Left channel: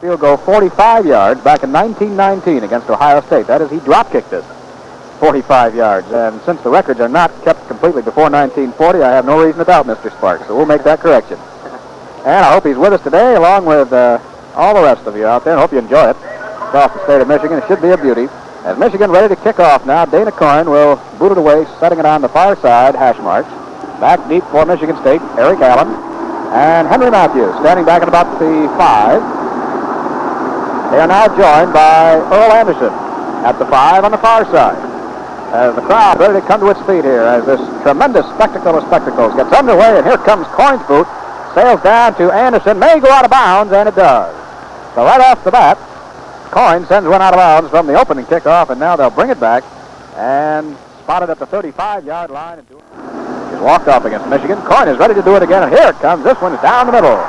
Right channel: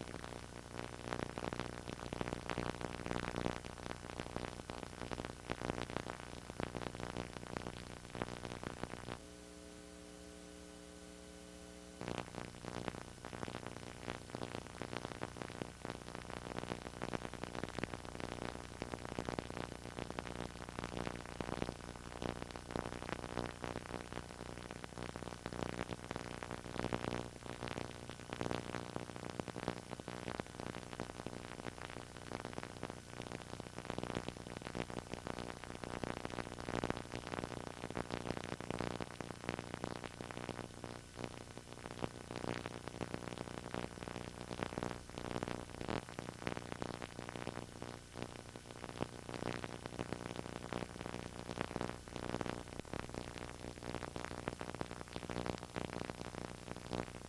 Field goal 45 yards back in 1919 against Ohio State. That is, he drop-kicked it 45 yards. And since the records are not kept completely before 1940, I have no reason to doubt Mr. Sparks, so we'll make that correction. And I hope he's with us today, along with all the rest of you out there. I hope you enjoy it. It's off the state of Michigan. It should be a beauty. As Michigan ready to kick off now, Dana Coyne will boot it away, setting it on the far side, hash marks. Back deep for Michigan State, Eric Allen. And Henry Matthews standing back at about the 5. They are now joined by Earl Anderson at the 5 on the far side. As the crowd ready to come to its feet here, as this tremendous spectacle of spectacles gets underway, and here comes Coyne's boot, sails down to Anderson, may go out of bounds, and it does. So right off the bat, Coyne sends one out of bounds from the opening kickoff, and now they'll bring it back and spot it at the 35-yard line. He's walked off against Michigan. Coyne is ready to do it again, and here it comes. This one's down the middle.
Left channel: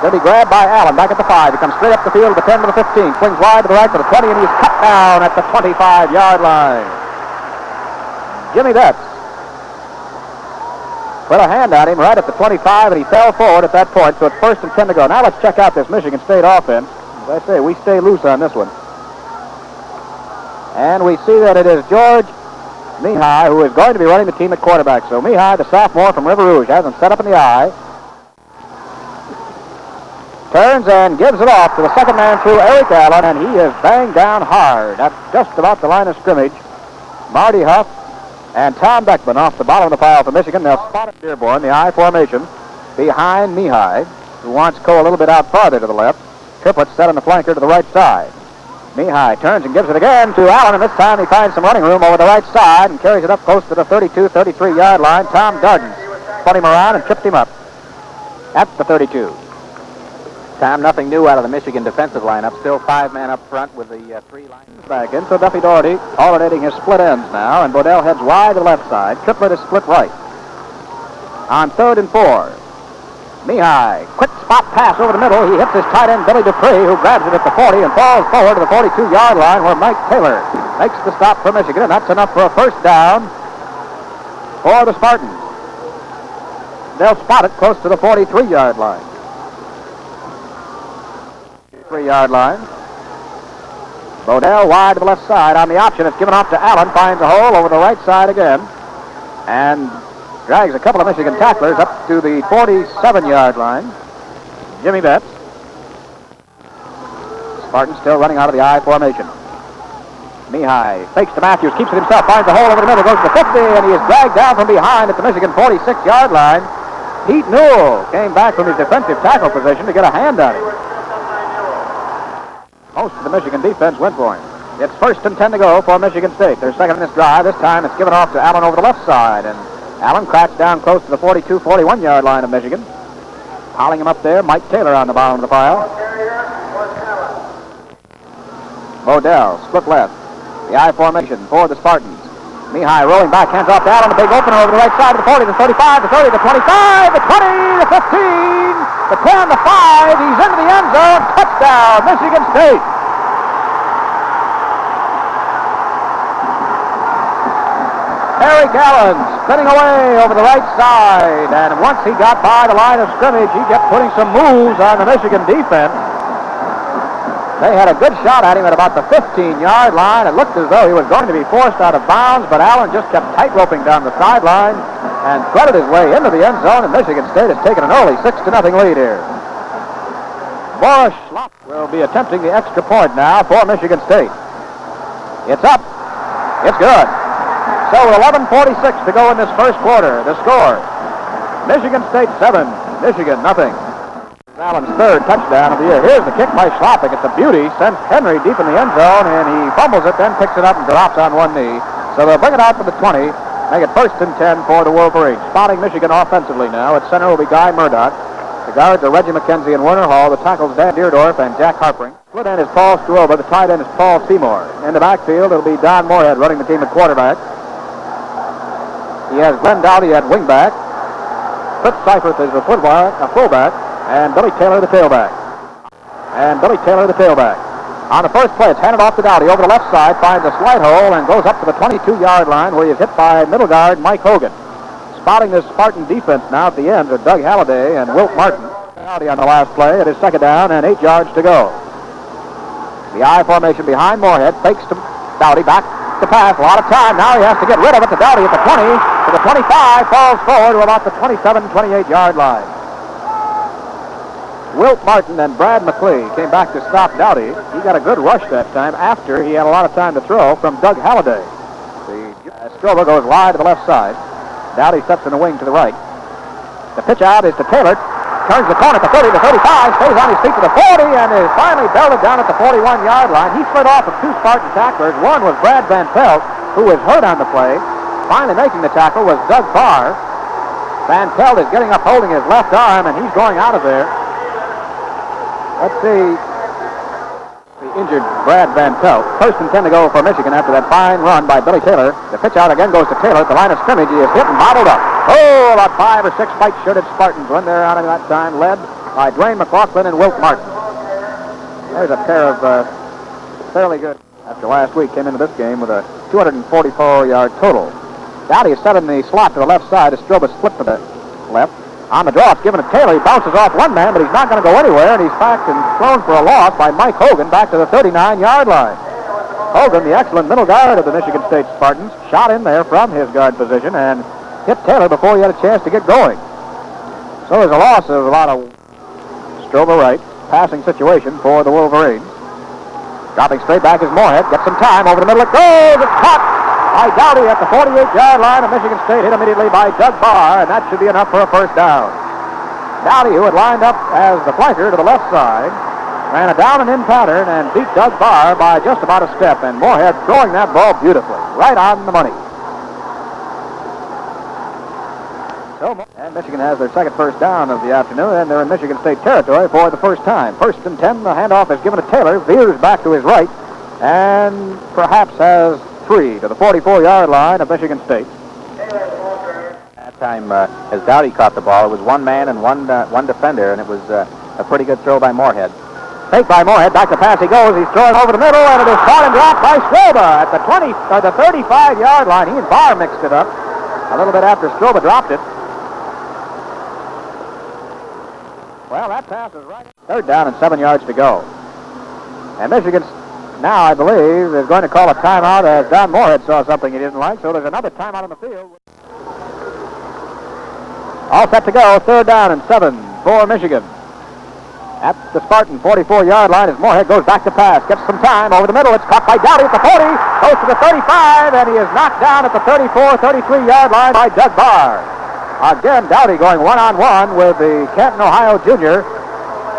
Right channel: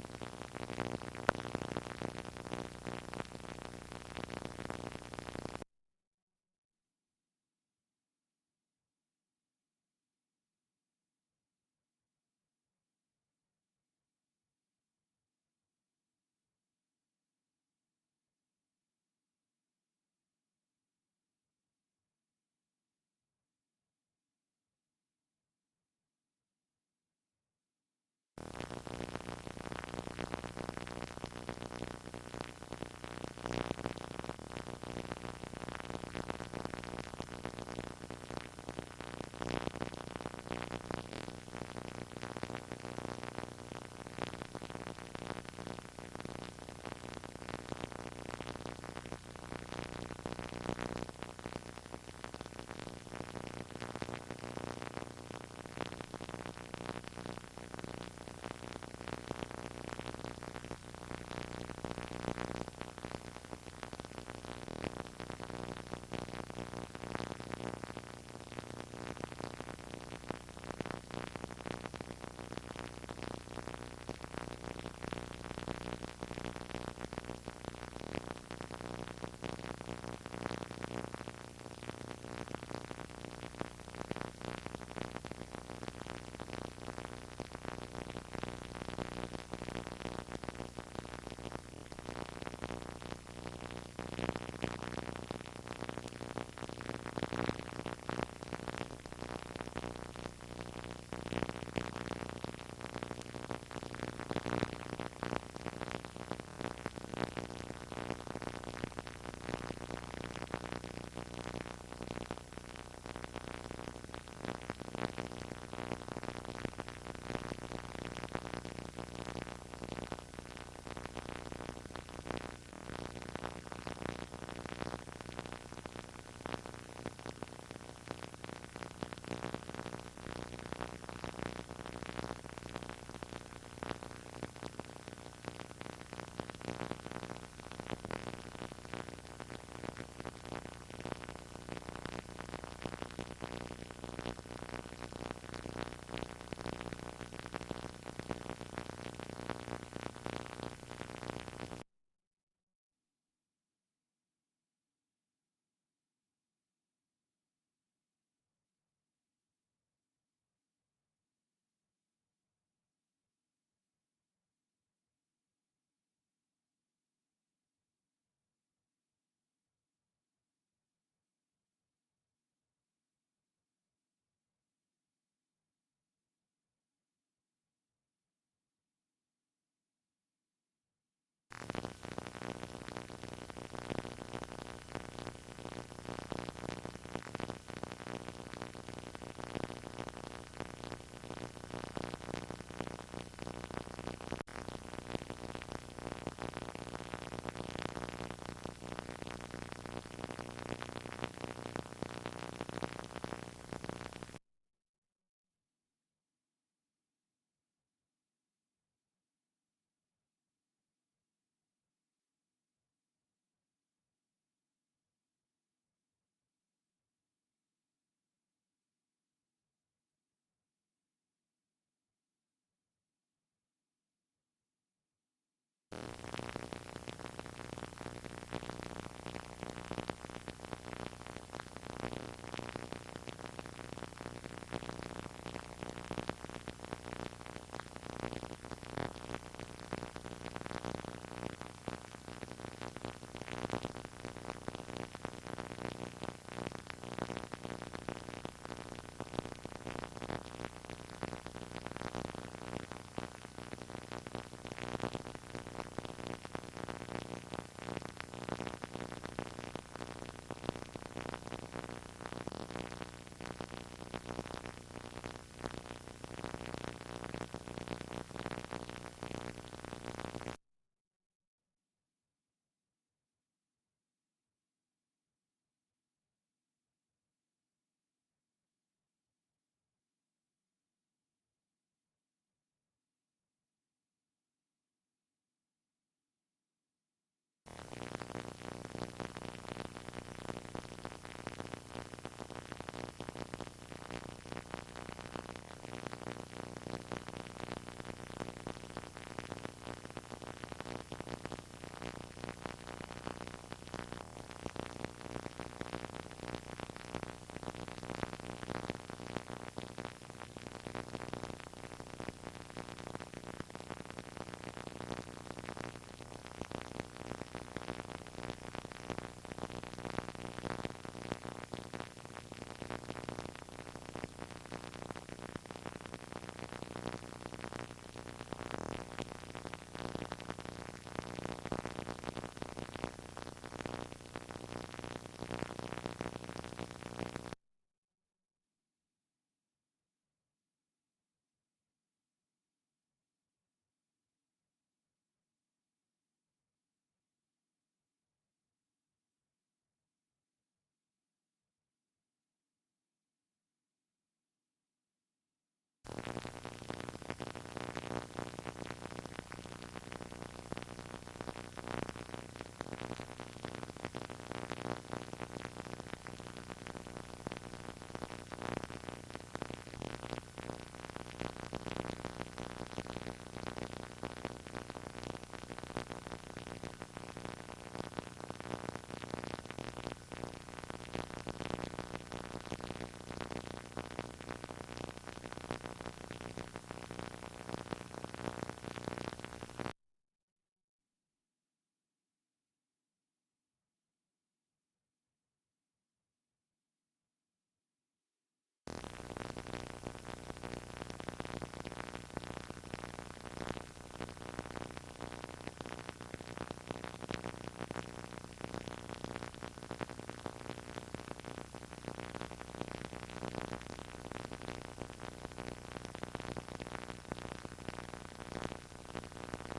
Going to be grabbed by Allen back at the 5. He comes straight up the field to the 10 to the 15. Swings wide to the right to the 20, and he's cut down at the 25-yard line. Jimmy Betts put a hand on him right at the 25, and he fell forward at that point, so it's 1st and 10 to go. Now let's check out this Michigan State offense. As I say, we stay loose on this one. And we see that it is George Mihai who is going to be running the team at quarterback. So Mihai, the sophomore from River Rouge, has him set up in the eye. Turns and gives it off to the second man through, Eric Allen, and he is banged down hard at just about the line of scrimmage. Marty Huff and Tom Beckman off the bottom of the pile for Michigan. They'll spot it Dearborn, the I formation, behind Mihai, who wants Cole a little bit out farther to the left. Triplett set on the flanker to the right side. Mihai turns and gives it again to Allen, and this time he finds some running room over the right side and carries it up close to the 32, 33-yard line. Tom Darden spun him around and tripped him up at the 32. Tom, nothing new out of the Michigan defensive lineup. Still 5-man up front with the 3 lines back in. So Duffy Doherty alternating his split ends now, and Bodell heads wide to the left side. Triplett is split right. On 3rd and 4. Mihai, quick spot pass over the middle. He hits his tight end, Billy Dupree, who grabs it at the 40 and falls forward to the 42-yard line where Mike Taylor makes the stop for Michigan, and that's enough for a first down for the Spartans. They'll spot it close to the 43-yard line. 3-yard line. Bodell wide to the left side on the option. It's given off to Allen. Finds a hole over the right side again. And drags a couple of Michigan tacklers up to the 47-yard line. Jimmy Betts. Spartans still running out of the I formation. Mihai fakes to Matthews, keeps it himself, finds a hole over the middle, goes to the 50, and he is dragged down from behind at the Michigan 46-yard line. Pete Newell came back from his defensive tackle position to get a hand on him. Most of the Michigan defense went for him. It's 1st and 10 to go for Michigan State. They're second in this drive. This time it's given off to Allen over the left side, and Allen cracks down close to the 42, 41-yard line of Michigan. Piling him up there, Mike Taylor on the bottom of the pile. Bodell, split left. The I formation for the Spartans. Mihai rolling back, hands off to Allen, a big opener over the right side of the 40, the 35, the 30, the 25, the 20, the 15, the 10, the 5. He's into the end zone. Touchdown, Michigan State. Eric Allen spinning away over the right side, and once he got by the line of scrimmage, he kept putting some moves on the Michigan defense. They had a good shot at him at about the 15-yard line. It looked as though he was going to be forced out of bounds, but Allen just kept tight-roping down the sideline and threaded his way into the end zone, and Michigan State has taken an early 6-0 lead here. Boris Schlopp will be attempting the extra point now for Michigan State. It's up. It's good. So with 11:46 to go in this first quarter, the score, Michigan State 7, Michigan nothing. Allen's 3rd touchdown of the year. Here's the kick by Schlopping. It's a beauty. Sends Henry deep in the end zone, and he fumbles it, then picks it up and drops on one knee. So they'll bring it out to the 20, make it 1st and 10 for the Wolverines. Spotting Michigan offensively now. At center will be Guy Murdoch. The guards are Reggie McKenzie and Werner Hall. The tackles Dan Deerdorf and Jack Harpring. Split end is Paul Struoba. The tight end is Paul Seymour. In the backfield, it'll be Don Moorhead running the team at quarterback. He has Glenn Dowdy at wingback. Fritz Seifert is a fullback. And Billy Taylor, the tailback. On the first play, it's handed off to Dowdy over the left side, finds a slight hole, and goes up to the 22-yard line where he is hit by middle guard Mike Hogan. Spotting this Spartan defense now at the end are Doug Halliday and Wilt Martin. Dowdy on the last play. It is 2nd down and 8 yards to go. The I formation behind Moorhead. Fakes to Dowdy. Back to pass. A lot of time. Now he has to get rid of it to Dowdy at the 20. To the 25. Falls forward to about the 27, 28-yard line. Wilt Martin and Brad McLee came back to stop Dowdy. He got a good rush that time after he had a lot of time to throw from Doug Halliday. Strober goes wide to the left side. Dowdy steps in the wing to the right. The pitch out is to Taylor. Turns the corner at the 30 to 35. Stays on his feet to the 40 and is finally belted down at the 41-yard line. He slid off of two Spartan tacklers. One was Brad Van Pelt, who was hurt on the play. Finally making the tackle was Doug Barr. Van Pelt is getting up holding his left arm, and he's going out of there. Let's see. The injured Brad Van Pelt. First and 10 to go for Michigan after that fine run by Billy Taylor. The pitch out again goes to Taylor at the line of scrimmage. He is hit and bottled up. Oh, about 5 or 6 white-shirted Spartans went there out of that time, led by Dwayne McLaughlin and Wilt Martin. There's a pair of fairly good. After last week, came into this game with a 244-yard total. Dowdy is set in the slot to the left side. Stroba split to the left. On the draw, it's given to Taylor. He bounces off one man, but he's not going to go anywhere, and he's backed and thrown for a loss by Mike Hogan back to the 39-yard line. Hogan, the excellent middle guard of the Michigan State Spartans, shot in there from his guard position and hit Taylor before he had a chance to get going. So there's a loss of a lot of Stroba right, passing situation for the Wolverines. Dropping straight back is Moorhead. Gets some time. Over the middle it goes. It's caught by Dowdy at the 48-yard line of Michigan State. Hit immediately by Doug Barr, and that should be enough for a first down. Dowdy, who had lined up as the flanker to the left side, ran a down and in pattern and beat Doug Barr by just about a step, and Moorhead throwing that ball beautifully, right on the money. And Michigan has their second first down of the afternoon, and they're in Michigan State territory for the first time. First and 10, the handoff is given to Taylor, veers back to his right, and perhaps has 3 to the 44-yard line of Michigan State. That time, as Dowdy caught the ball, it was one man and one defender, and it was a pretty good throw by Moorhead. Fake by Moorhead, back to pass he goes. He's throwing over the middle, and it is caught and dropped by Stroba at the 35-yard line. He and Barr mixed it up a little bit after Stroba dropped it. Well, that pass is right. Third down and 7 yards to go. And Michigan now, I believe, is going to call a timeout as Don Moorhead saw something he didn't like, so there's another timeout on the field. All set to go. Third down and 7 for Michigan. At the Spartan 44-yard line as Moorhead goes back to pass. Gets some time over the middle. It's caught by Dowdy at the 40. Goes to the 35, and he is knocked down at the 34, 33-yard line by Doug Barr. Again, Dowdy going one-on-one with the Canton, Ohio junior,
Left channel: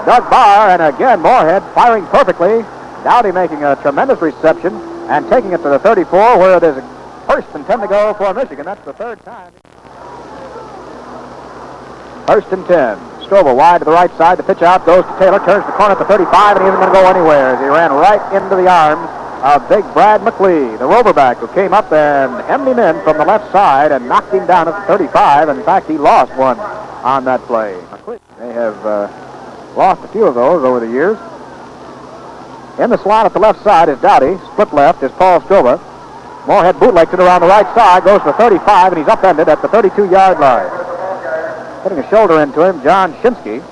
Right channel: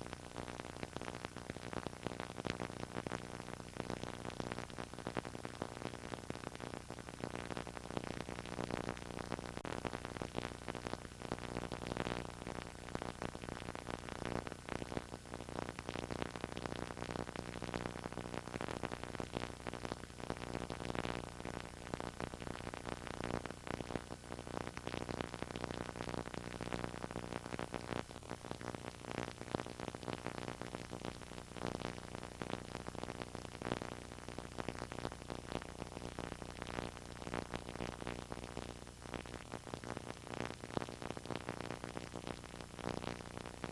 Doug Barr, and again, Moorhead firing perfectly. Dowdy making a tremendous reception and taking it to the 34, where it is first and 10 to go for Michigan. That's the third time. First and 10. Stroba wide to the right side. The pitch out goes to Taylor. Turns the corner at the 35, and he isn't going to go anywhere as he ran right into the arms of big Brad McLee, the roverback, who came up and hemmed him in from the left side and knocked him down at the 35. In fact, he lost one on that play. They have lost a few of those over the years. In the slot at the left side is Dowdy. Split left is Paul Stroba. Moorhead bootlegs it around the right side, goes to the 35, and he's upended at the 32-yard line. Putting a shoulder into him, John Shinsky.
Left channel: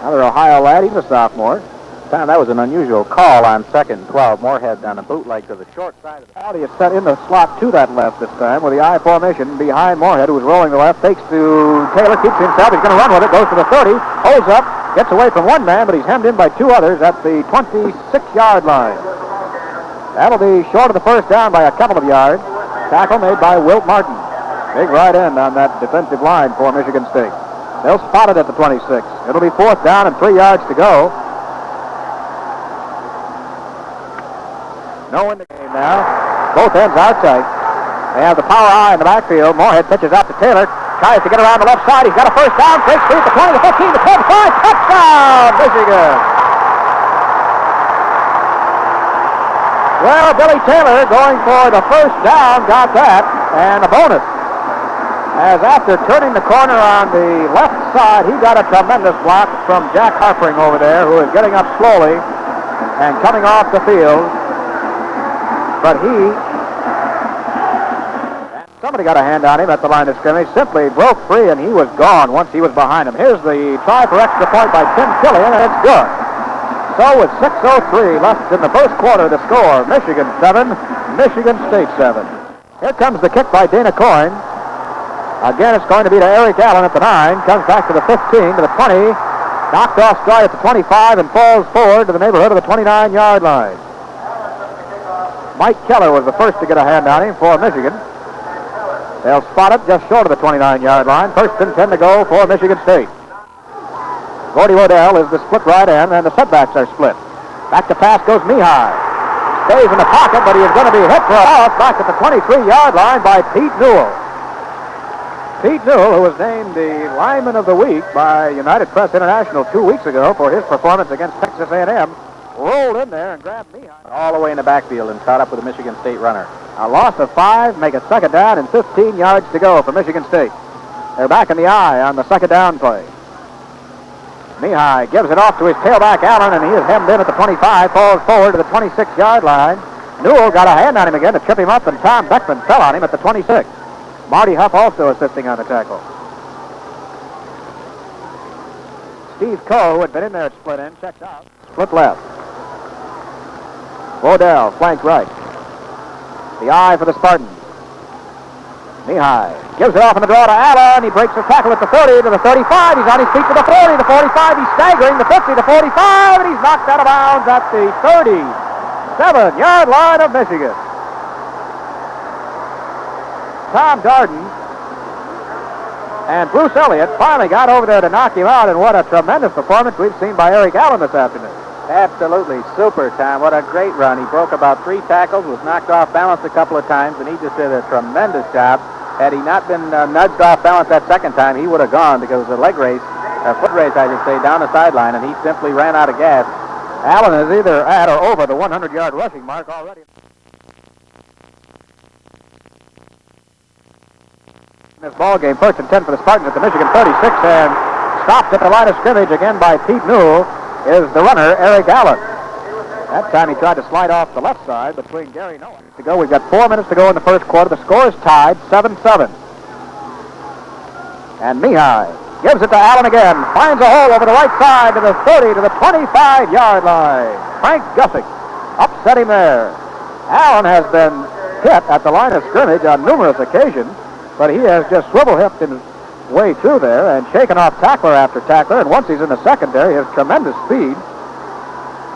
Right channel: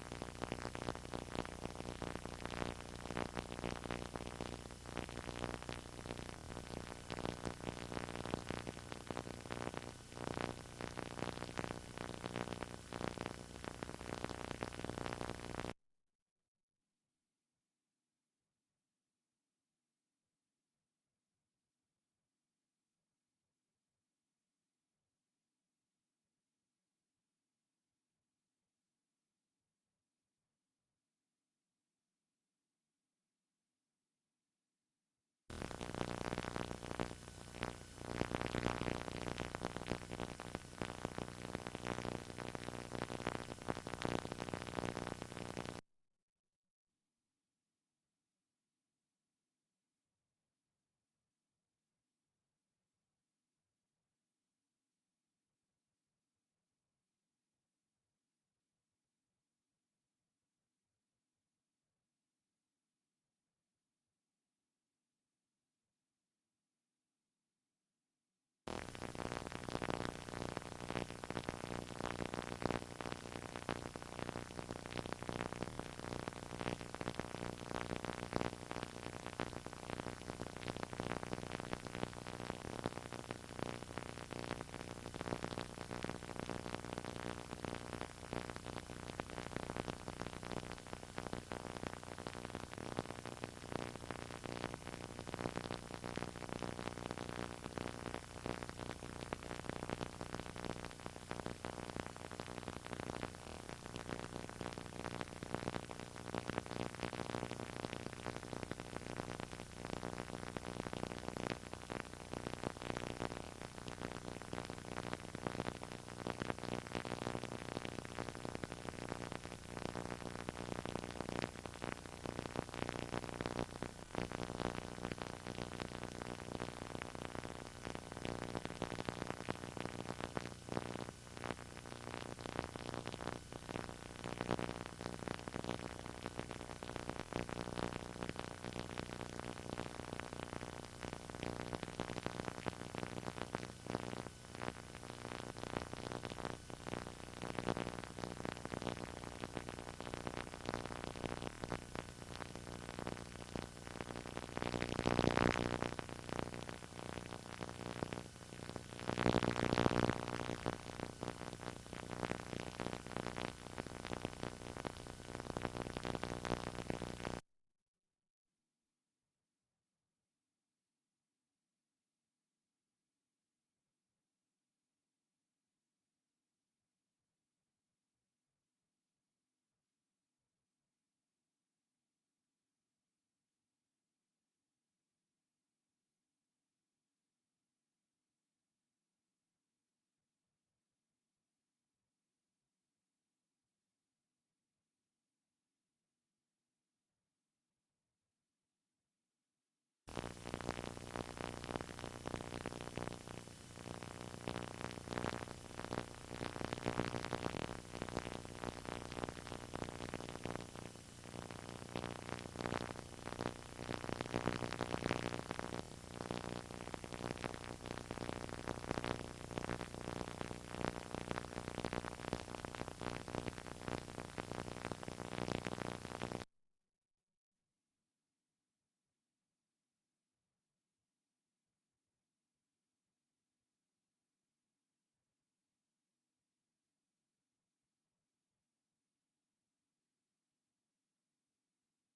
Another Ohio lad, he's a sophomore. That was an unusual call on 2nd and 12. Moorhead on a bootleg to the short side. Dowdy is set in the slot to that left this time with the I formation behind Moorhead, who was rolling the left. Takes to Taylor, keeps himself. He's going to run with it. Goes to the 30, holds up, gets away from one man, but he's hemmed in by 2 others at the 26-yard line. That'll be short of the first down by a couple of yards. Tackle made by Wilt Martin. Big right end on that defensive line for Michigan State. They'll spot it at the 26. It'll be 4th down and 3 yards to go. No in the game now. Both ends are tight. They have the power eye in the backfield. Moorhead pitches out to Taylor. Tries to get around the left side. He's got a first down. Breaks through the 20, the 15, the 25. Touchdown, Michigan! Well, Billy Taylor going for the first down. Got that. And a bonus. As after turning the corner on the left side, he got a tremendous block from Jack Harpering over there, who is getting up slowly and coming off the field. But somebody got a hand on him at the line of scrimmage, simply broke free, and he was gone once he was behind him. Here's the try for extra point by Tim Killian, and it's good. So So with 6:03 left in the first quarter to score, Michigan 7, Michigan State 7. Here comes the kick by Dana Coyne. Again, it's going to be to Eric Allen at the 9. Comes back to the 15, to the 20. Knocked off stride at the 25 and falls forward to the neighborhood of the 29-yard line. Mike Keller was the first to get a hand on him for Michigan. They'll spot it just short of the 29-yard line. First and 10 to go for Michigan State. Gordy Waddell is the split right end, and the setbacks are split. Back to pass goes Mihai. Stays in the pocket, but he is going to be hit for a loss back at the 23-yard line by Pete Newell. Pete Newell, who was named the Lineman of the Week by United Press International 2 weeks ago for his performance against Texas A&M, rolled in there and grabbed Mihai all the way in the backfield and caught up with the Michigan State runner. A loss of 5, make it second down and 15 yards to go for Michigan State. They're back in the eye on the second down play. Mihai gives it off to his tailback, Allen, and he is hemmed in at the 25, falls forward to the 26-yard line. Newell got a hand on him again to trip him up, and Tom Beckman fell on him at the 26. Marty Huff also assisting on the tackle. Steve Coe, who had been in there at split end, checked out. Split left. Waddell, flank right. The eye for the Spartans. Mihai gives it off in the draw to Allen. He breaks the tackle at the 30 to the 35. He's on his feet to the 40, the 45. He's staggering, the 50, the 45, and he's knocked out of bounds at the 37-yard line of Michigan. Tom Darden and Bruce Elliott finally got over there to knock him out, and what a tremendous performance we've seen by Eric Allen this afternoon. Absolutely super, Tom. What a great run. He broke about 3 tackles, was knocked off balance a couple of times, and he just did a tremendous job. Had he not been nudged off balance that second time, he would have gone because it was a leg race, a foot race, I should say, down the sideline, and he simply ran out of gas. Allen is either at or over the 100-yard rushing mark already. This ball game, first and 10 for the Spartans at the Michigan 36, and stopped at the line of scrimmage again by Pete Newell is the runner, Eric Allen. That time he tried to slide off the left side between Gary Nolan. To go, we've got 4 minutes to go in the first quarter. The score is tied, 7-7. And Mihai gives it to Allen again. Finds a hole over the right side to the 30 to the 25-yard line. Frank Gussick upset him there. Allen has been hit at the line of scrimmage on numerous occasions, but he has just swivel-hipped his way through there and shaken off tackler after tackler, and once he's in the secondary, his tremendous speed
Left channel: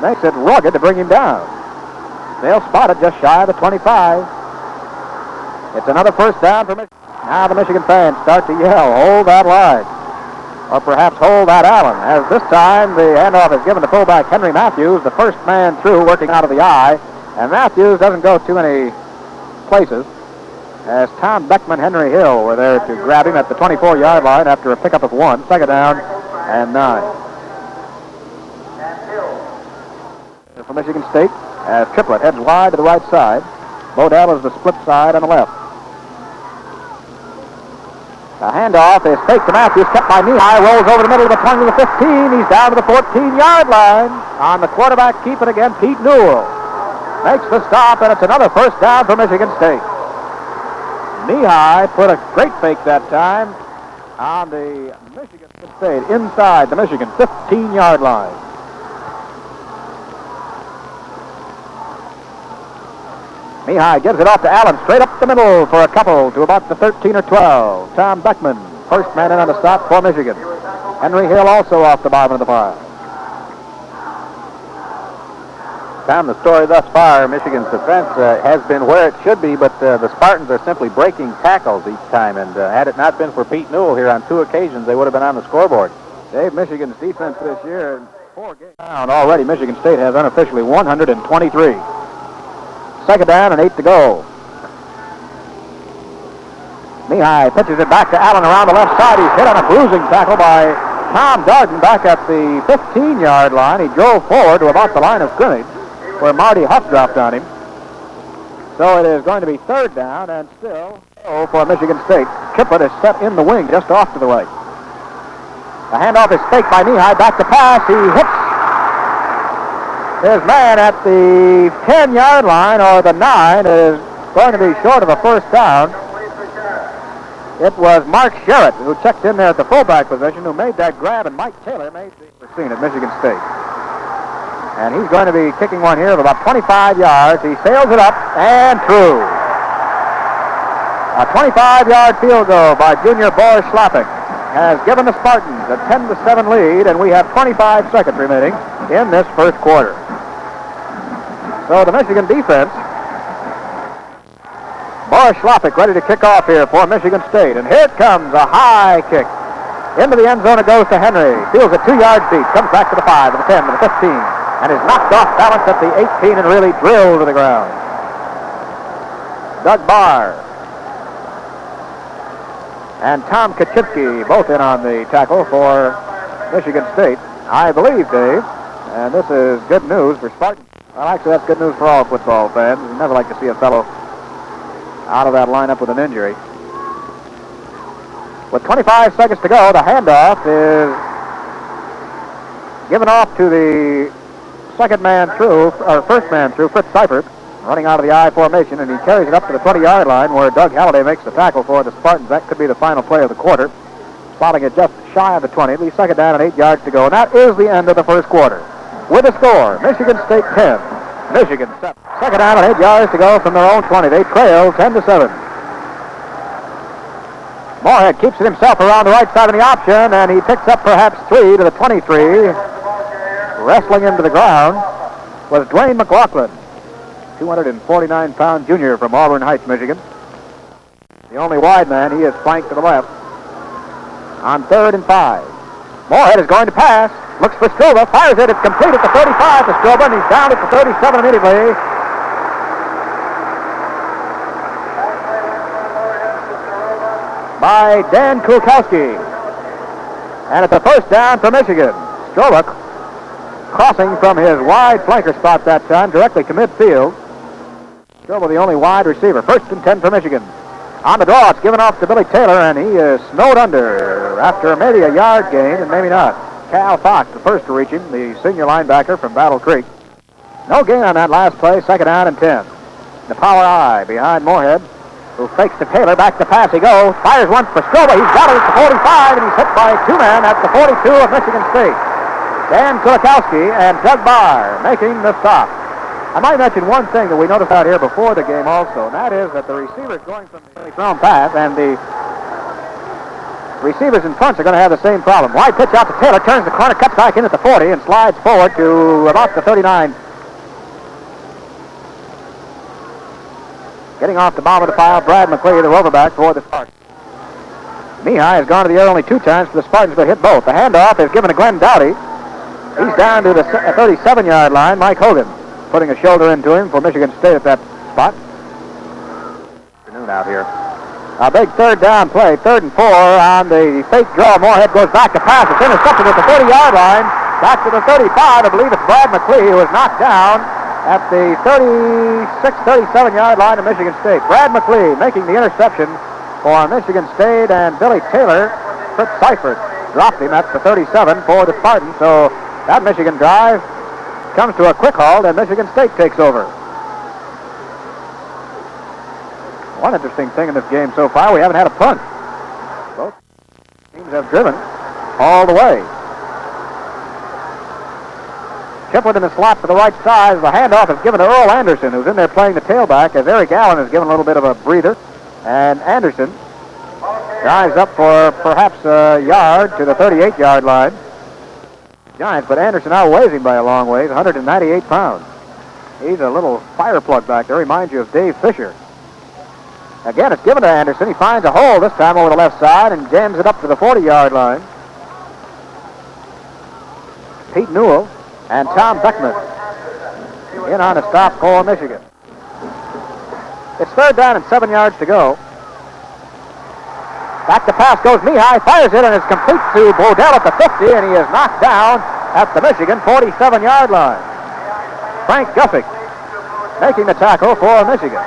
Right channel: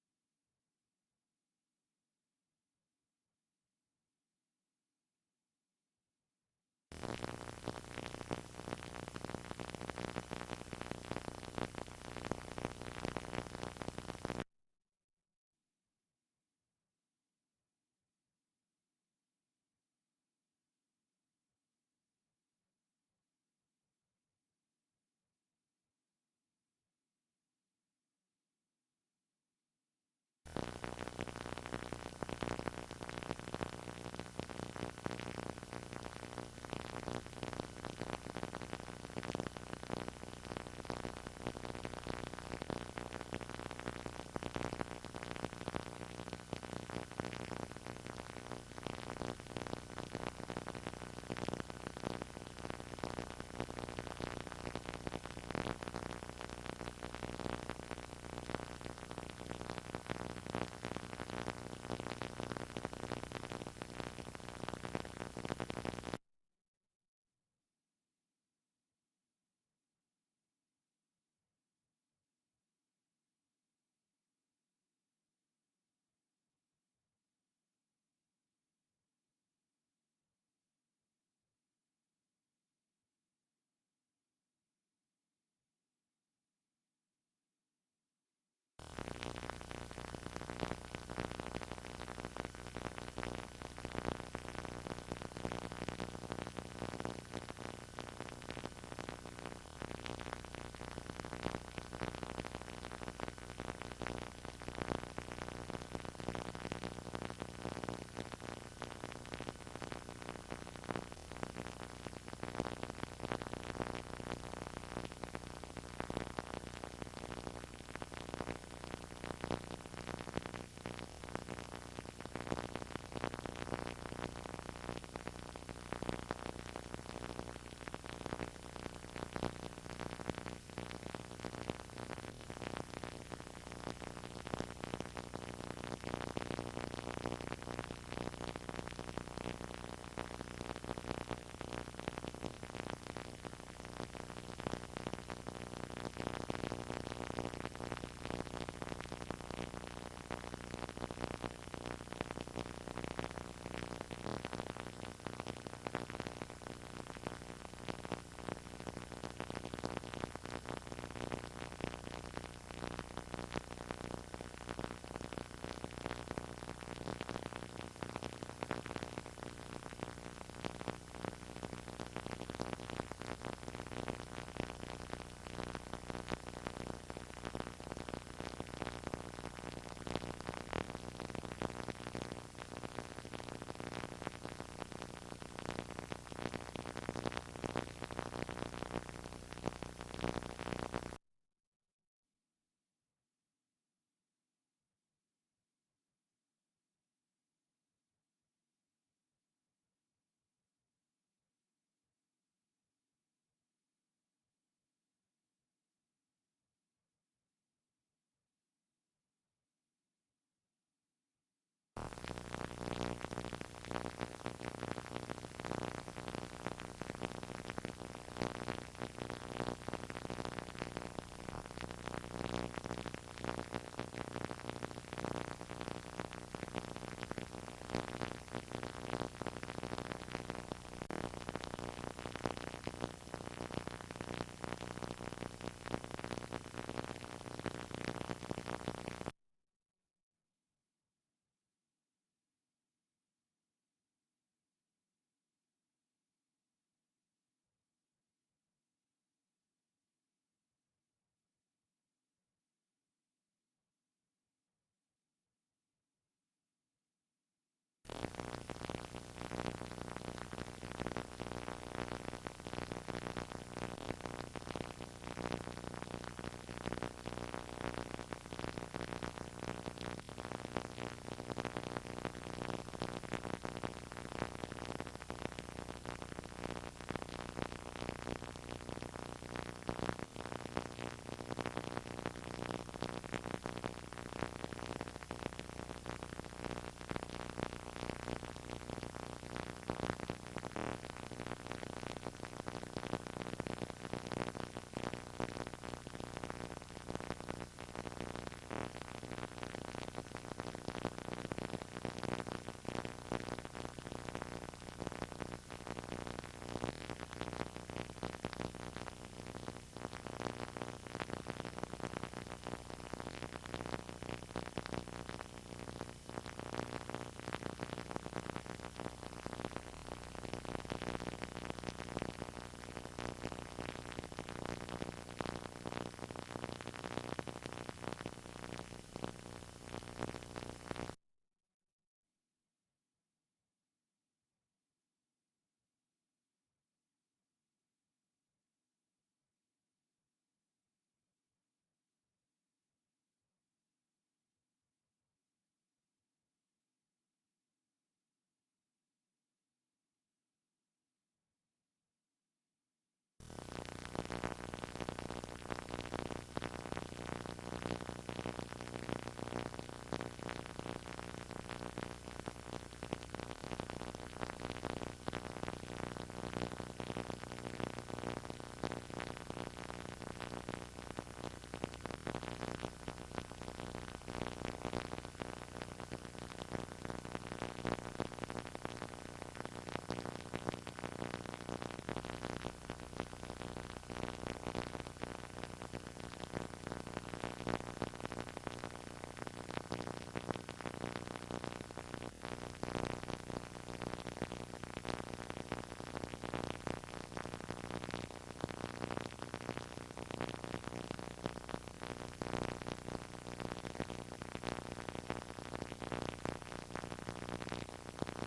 makes it rugged to bring him down. They'll spot it just shy of the 25. It's another first down for Michigan. Now the Michigan fans start to yell, hold that line, or perhaps hold that Allen, as this time the handoff is given to fullback Henry Matthews, the first man through, working out of the eye, and Matthews doesn't go too many places, as Tom Beckman, Henry Hill were there to grab him at the 24-yard line after a pickup of 1, second down and 9. For Michigan State, as Triplett heads wide to the right side. Bodell is the split side on the left. The handoff is fake to Matthews, kept by Mihai, rolls over the middle of the 20 to the 15. He's down to the 14-yard line. On the quarterback keep it again, Pete Newell makes the stop, and it's another first down for Michigan State. Mihai put a great fake that time on the Michigan State, inside the Michigan 15-yard line. Mihai gives it off to Allen, straight up the middle for a couple to about the 13 or 12. Tom Beckman, first man in on the stop for Michigan. Henry Hill also off the bottom of the pile. Tom, the story thus far, Michigan's defense has been where it should be, but the Spartans are simply breaking tackles each time, and had it not been for Pete Newell here on 2 occasions, they would have been on the scoreboard. Dave, Michigan's defense this year, in 4 games down already, Michigan State has unofficially 123. Second down and 8 to go. Mihai pitches it back to Allen around the left side. He's hit on a bruising tackle by Tom Darden back at the 15-yard line. He drove forward to about the line of scrimmage, where Marty Huff dropped on him. So it is going to be third down and still for Michigan State. Triplett is set in the wing just off to the right. The handoff is faked by Mihai, back to pass. He hits his man at the 10-yard line, or the 9, is going to be short of a first down. It was Mark Sherritt who checked in there at the fullback position who made that grab, and Mike Taylor made the scene at Michigan State. And he's going to be kicking one here of about 25 yards. He sails it up and through. A 25-yard field goal by junior Boris Schlapping has given the Spartans a 10-7 lead, and we have 25 seconds remaining in this first quarter. So the Michigan defense, Boris Schlapping ready to kick off here for Michigan State. And here it comes, a high kick. Into the end zone it goes to Henry. Feels it 2 yards deep. Comes back to the 5, to the 10, to the 15. And is knocked off balance at the 18 and really drilled to the ground. Doug Barr and Tom Kaczynski both in on the tackle for Michigan State, I believe, Dave. And this is good news for Spartans. Well, actually, that's good news for all football fans. You never like to see a fellow out of that lineup with an injury. With 25 seconds to go, the handoff is given off to the first man through, Fritz Seifert, running out of the I formation, and he carries it up to the 20-yard line where Doug Halliday makes the tackle for the Spartans. That could be the final play of the quarter. Spotting it just shy of the 20. It'll be second down and 8 yards to go. And that is the end of the first quarter. With a score, Michigan State 10, Michigan 7. Second down and 8 yards to go from their own 20. They trail 10-7. Moorhead keeps it himself around the right side of the option, and he picks up perhaps 3 to the 23. Wrestling into the ground was Dwayne McLaughlin, 249-pound junior from Auburn Heights, Michigan. The only wide man. He is flanked to the left. On 3rd and 5. Moorhead is going to pass. Looks for Stroba. Fires it. It's complete at the 35 to Stroba, and he's down at the 37 immediately. By Dan Kulkowski. And it's a first down for Michigan. Stroba crossing from his wide flanker spot that time directly to midfield. Stroba the only wide receiver. 1st and 10 for Michigan. On the draw, it's given off to Billy Taylor, and he is snowed under after maybe a yard gain, and maybe not. Cal Fox, the first to reach him, the senior linebacker from Battle Creek. No gain on that last play, second down and 10. The power I behind Moorhead, who fakes to Taylor, back to pass he goes, fires once for Stroba, he's got it at the 45, and he's hit by 2 men at the 42 of Michigan State. Dan Kulikowski and Doug Barr making the stop. I might mention one thing that we noticed out here before the game also, and that is that the receivers going from the thrown pass, and the receivers in front are going to have the same problem. Wide pitch out to Taylor, turns the corner, cuts back in at the 40, and slides forward to about the 39. Getting off the bottom of the pile, Brad McLeod, the roverback for the Spartans. Mihai has gone to the air only 2 times for the Spartans, but hit both. The handoff is given to Glenn Dowdy. He's down to the 37-yard line. Mike Hogan putting a shoulder into him for Michigan State at that spot. Afternoon out here. A big 3rd down play, 3rd and 4 on the fake draw. Moorhead goes back to pass. It's intercepted at the 30-yard line. Back to the 35. I believe it's Brad McLeod who is knocked down at the 36, 37-yard line of Michigan State. Brad McLeod making the interception for Michigan State, and Billy Taylor, Fritz Seifert, dropped him at the 37 for the Spartans. So that Michigan drive comes to a quick halt, and Michigan State takes over. One interesting thing in this game so far, we haven't had a punt. Both teams have driven all the way. Shepard in the slot to the right side. The handoff is given to Earl Anderson, who's in there playing the tailback, as Eric Allen is given a little bit of a breather. And Anderson drives up for perhaps a yard to the 38-yard line. Giants, but Anderson outweighs him by a long ways, 198 pounds. He's a little fire plug back there. Reminds you of Dave Fisher. Again, it's given to Anderson. He finds a hole this time over the left side and jams it up to the 40-yard line. Pete Newell and Tom Beckman in on a stop for Michigan. It's 3rd down and 7 yards to go. Back to pass goes Mihai, fires it, and it's complete to Bodell at the 50, and he is knocked down at the Michigan 47-yard line. Frank Guffick making the tackle for Michigan.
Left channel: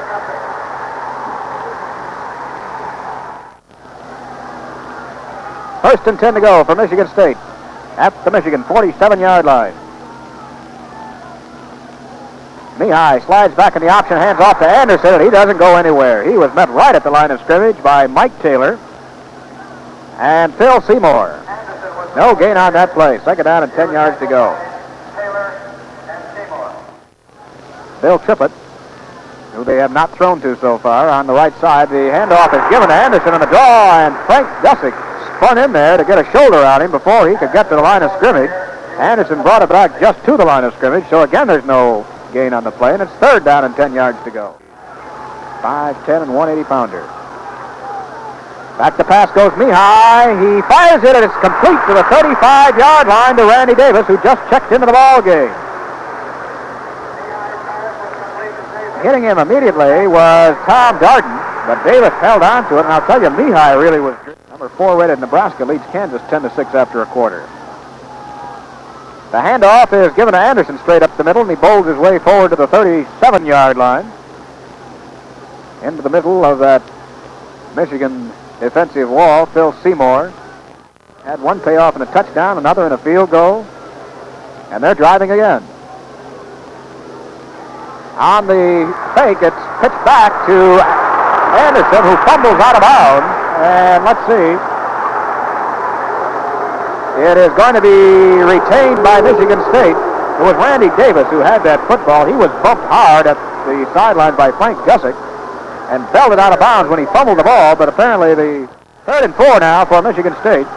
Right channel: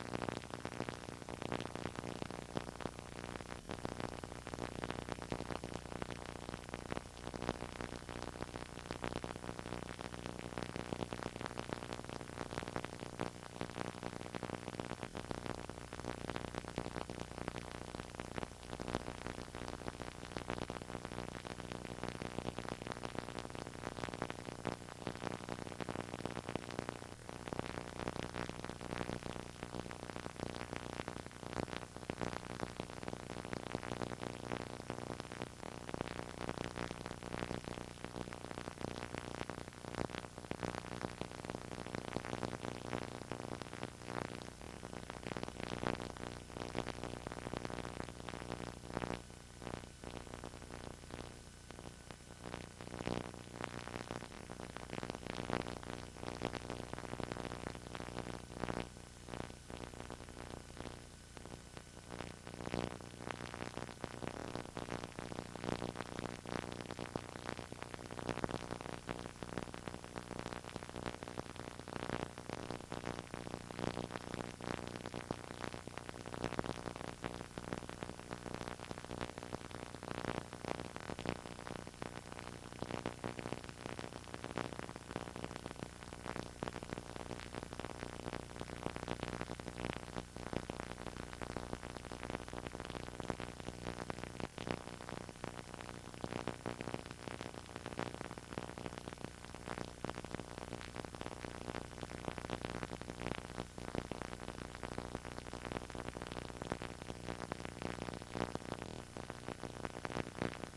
First and 10 to go for Michigan State at the Michigan 47-yard line. Mihai slides back in the option, hands off to Anderson, and he doesn't go anywhere. He was met right at the line of scrimmage by Mike Taylor and Phil Seymour. No gain on that play. 2nd down and 10 yards to go. Bill Trippett, who they have not thrown to so far, on the right side. The handoff is given to Anderson on the draw, and Frank Gussick spun in there to get a shoulder on him before he could get to the line of scrimmage. Anderson brought it back just to the line of scrimmage, so again there's no gain on the play, and it's third down and 10 yards to go. 5'10" and 180-pounder. Back to pass goes Mihai. He fires it, and it's complete to the 35-yard line to Randy Davis, who just checked into the ball game. Hitting him immediately was Tom Darden, but Davis held on to it, and I'll tell you, Mihai really was. Number 4 rated Nebraska leads Kansas 10-6 after a quarter. The handoff is given to Anderson straight up the middle, and he bowls his way forward to the 37-yard line. Into the middle of that Michigan defensive wall, Phil Seymour had one payoff in a touchdown, another in a field goal, and they're driving again. On the fake, it's pitched back to Anderson, who fumbles out of bounds, and let's see. It is going to be retained by Michigan State. It was Randy Davis who had that football. He was bumped hard at the sideline by Frank Gussick and belted out of bounds when he fumbled the ball, but apparently the 3rd and 4 now for Michigan State.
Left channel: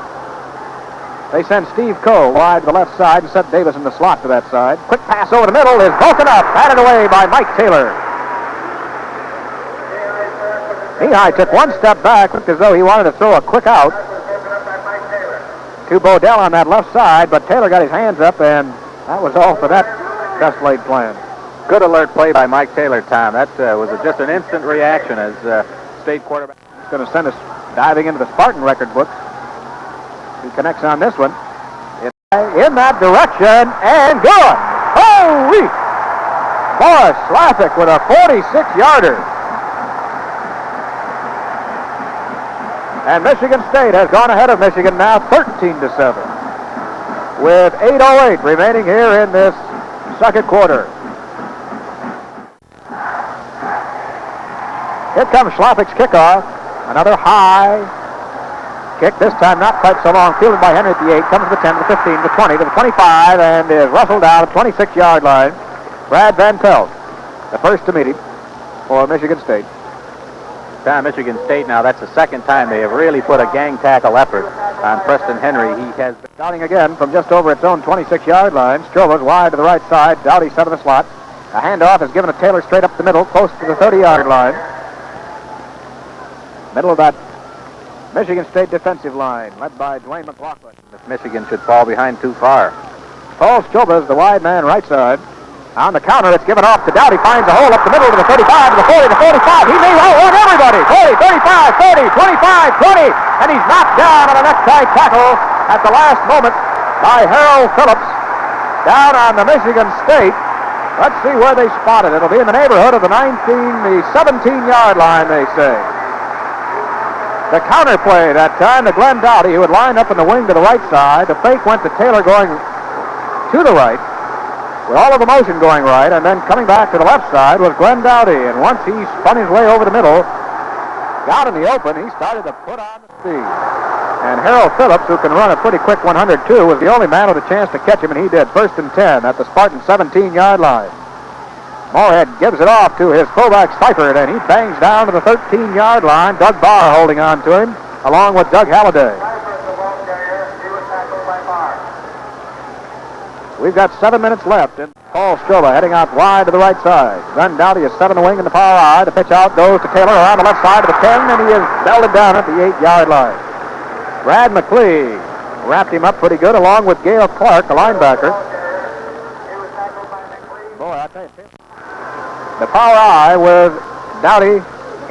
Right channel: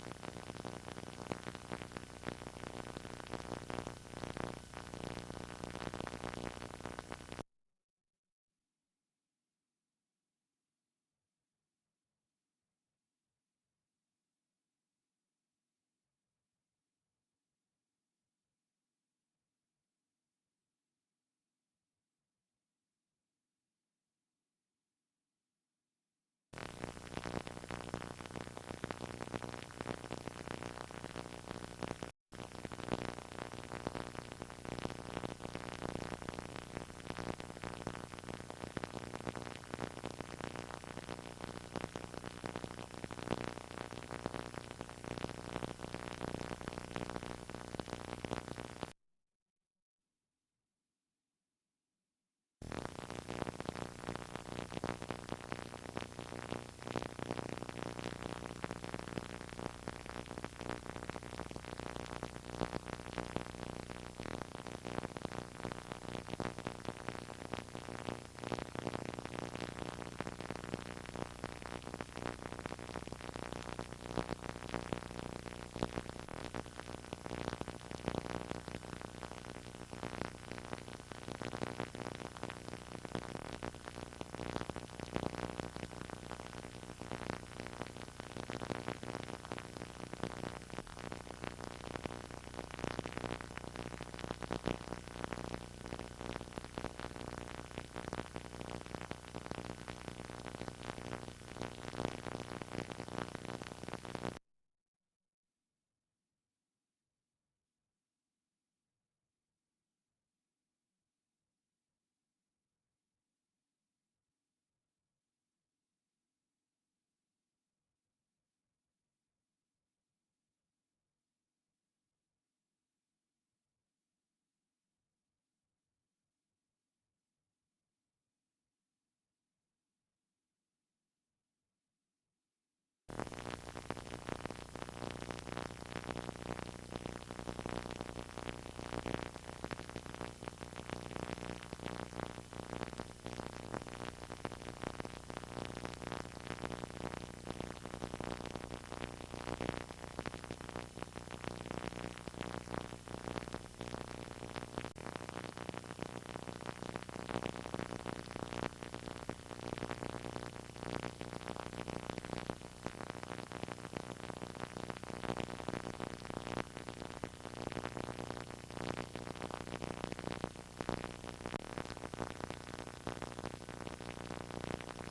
They send Steve Coe wide to the left side and set Davis in the slot to that side. Quick pass over the middle is broken up, batted away by Mike Taylor. Mihai took one step back, looked as though he wanted to throw a quick out to Bodell on that left side, but Taylor got his hands up, and that was all for that best-laid plan. Good alert play by Mike Taylor, Tom. That was just an instant reaction as State quarterback. He's going to send us diving into the Spartan record books. He connects on this one. In that direction, and good! Holy! Boris Slathick with a 46-yarder. And Michigan State has gone ahead of Michigan now 13-7 with 8:08 remaining here in this second quarter. Here comes Schlafik's kickoff. Another high kick, this time not quite so long, fielded by Henry at the 8, comes to the 10, to the 15, to the 20, to the 25, and is rustled down at the 26-yard line. Brad Van Pelt, the first to meet him for Michigan State. Tom, Michigan State now, that's the second time they have really put a gang tackle effort on Preston Henry. He has been starting again from just over its own 26-yard line. Strova's wide to the right side. Dowdy set in the slot. A handoff is given to Taylor straight up the middle, close to the 30-yard line. Middle of that Michigan State defensive line, led by Dwayne McLaughlin. If Michigan should fall behind too far. Paul Stroba is the wide man right side. On the counter, it's given off to Dowdy. Finds a hole up the middle to the 35, to the 40, to the 45. He may outrun everybody. 40, 35, 30, 25, 20. And he's knocked down on a necktie tackle at the last moment by Harold Phillips down on the Michigan State. Let's see where they spot it. It'll be in the neighborhood of the 17-yard line, they say. The counter play that time to Glenn Dowdy, who had lined up in the wing to the right side. The fake went to Taylor going to the right, with all of the motion going right, and then coming back to the left side was Glenn Dowdy. And once he spun his way over the middle, got in the open, he started to put on the speed. And Harold Phillips, who can run a pretty quick 102, was the only man with a chance to catch him, and he did. 1st and 10 at the Spartan 17-yard line. Moorhead gives it off to his fullback Seifert, and he bangs down to the 13-yard line. Doug Barr holding on to him, along with Doug Halliday. We've got 7 minutes left, and Paul Stroba heading out wide to the right side. Glenn Dowdy is 7 in the wing in the power eye. The pitch out goes to Taylor around the left side of the 10, and he is belted down at the 8-yard line. Brad McLee wrapped him up pretty good, along with Gale Clark, the linebacker. Boy, I tell you, the power eye with Dowdy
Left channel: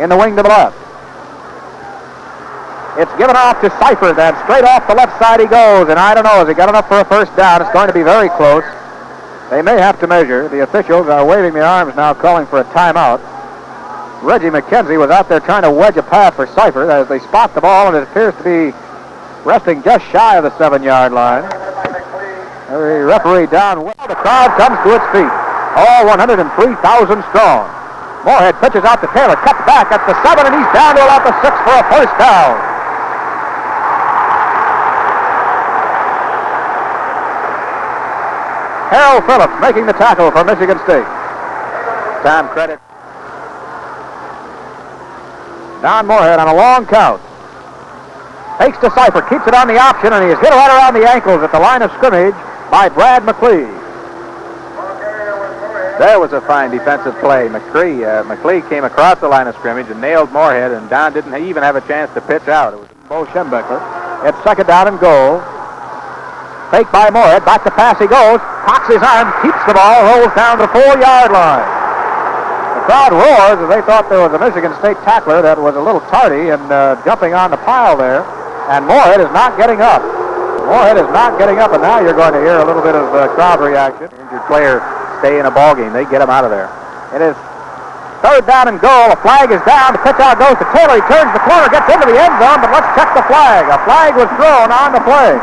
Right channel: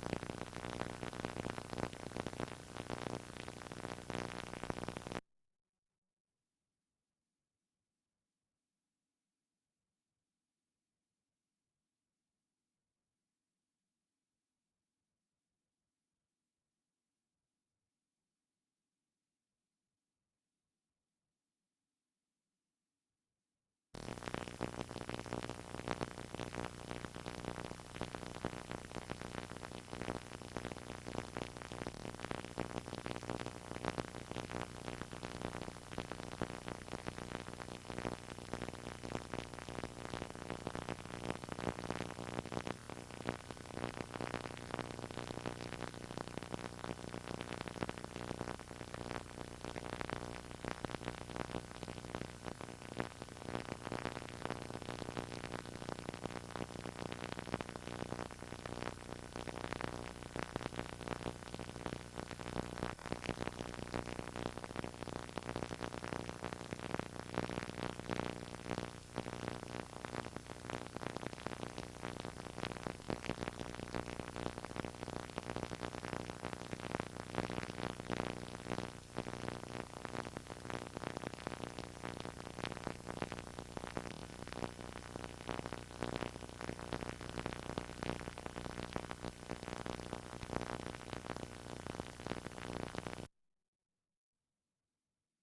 in the wing to the left. It's given off to Seifert, and straight off the left side he goes, and I don't know, has he got enough for a first down? It's going to be very close. They may have to measure. The officials are waving their arms now, calling for a timeout. Reggie McKenzie was out there trying to wedge a path for Seifert as they spot the ball, and it appears to be resting just shy of the 7-yard line. The referee down well. The crowd comes to its feet. All 103,000 strong. Moorhead pitches out to Taylor, cuts back at the 7, and he's down to about the 6 for a first down. Harold Phillips making the tackle for Michigan State. Tom credit. Don Moorhead on a long count. Takes to Cypher, keeps it on the option, and he is hit right around the ankles at the line of scrimmage by Brad McLee. There was a fine defensive play. McLee came across the line of scrimmage and nailed Moorhead, and Don didn't even have a chance to pitch out. It was Bo Schembechler. It's second down and goal. Fake by Moorhead. Back to pass he goes. Cocks his arm, keeps the ball, rolls down to the 4-yard line. The crowd roars as they thought there was a Michigan State tackler that was a little tardy and jumping on the pile there. And Moorhead is not getting up. Moorhead is not getting up, and now you're going to hear a little bit of crowd reaction. Injured player stay in a ball game. They get him out of there. It is third down and goal. A flag is down. The pitch out goes to Taylor. He turns the corner, gets into the end zone, but let's check the flag. A flag was thrown on the play.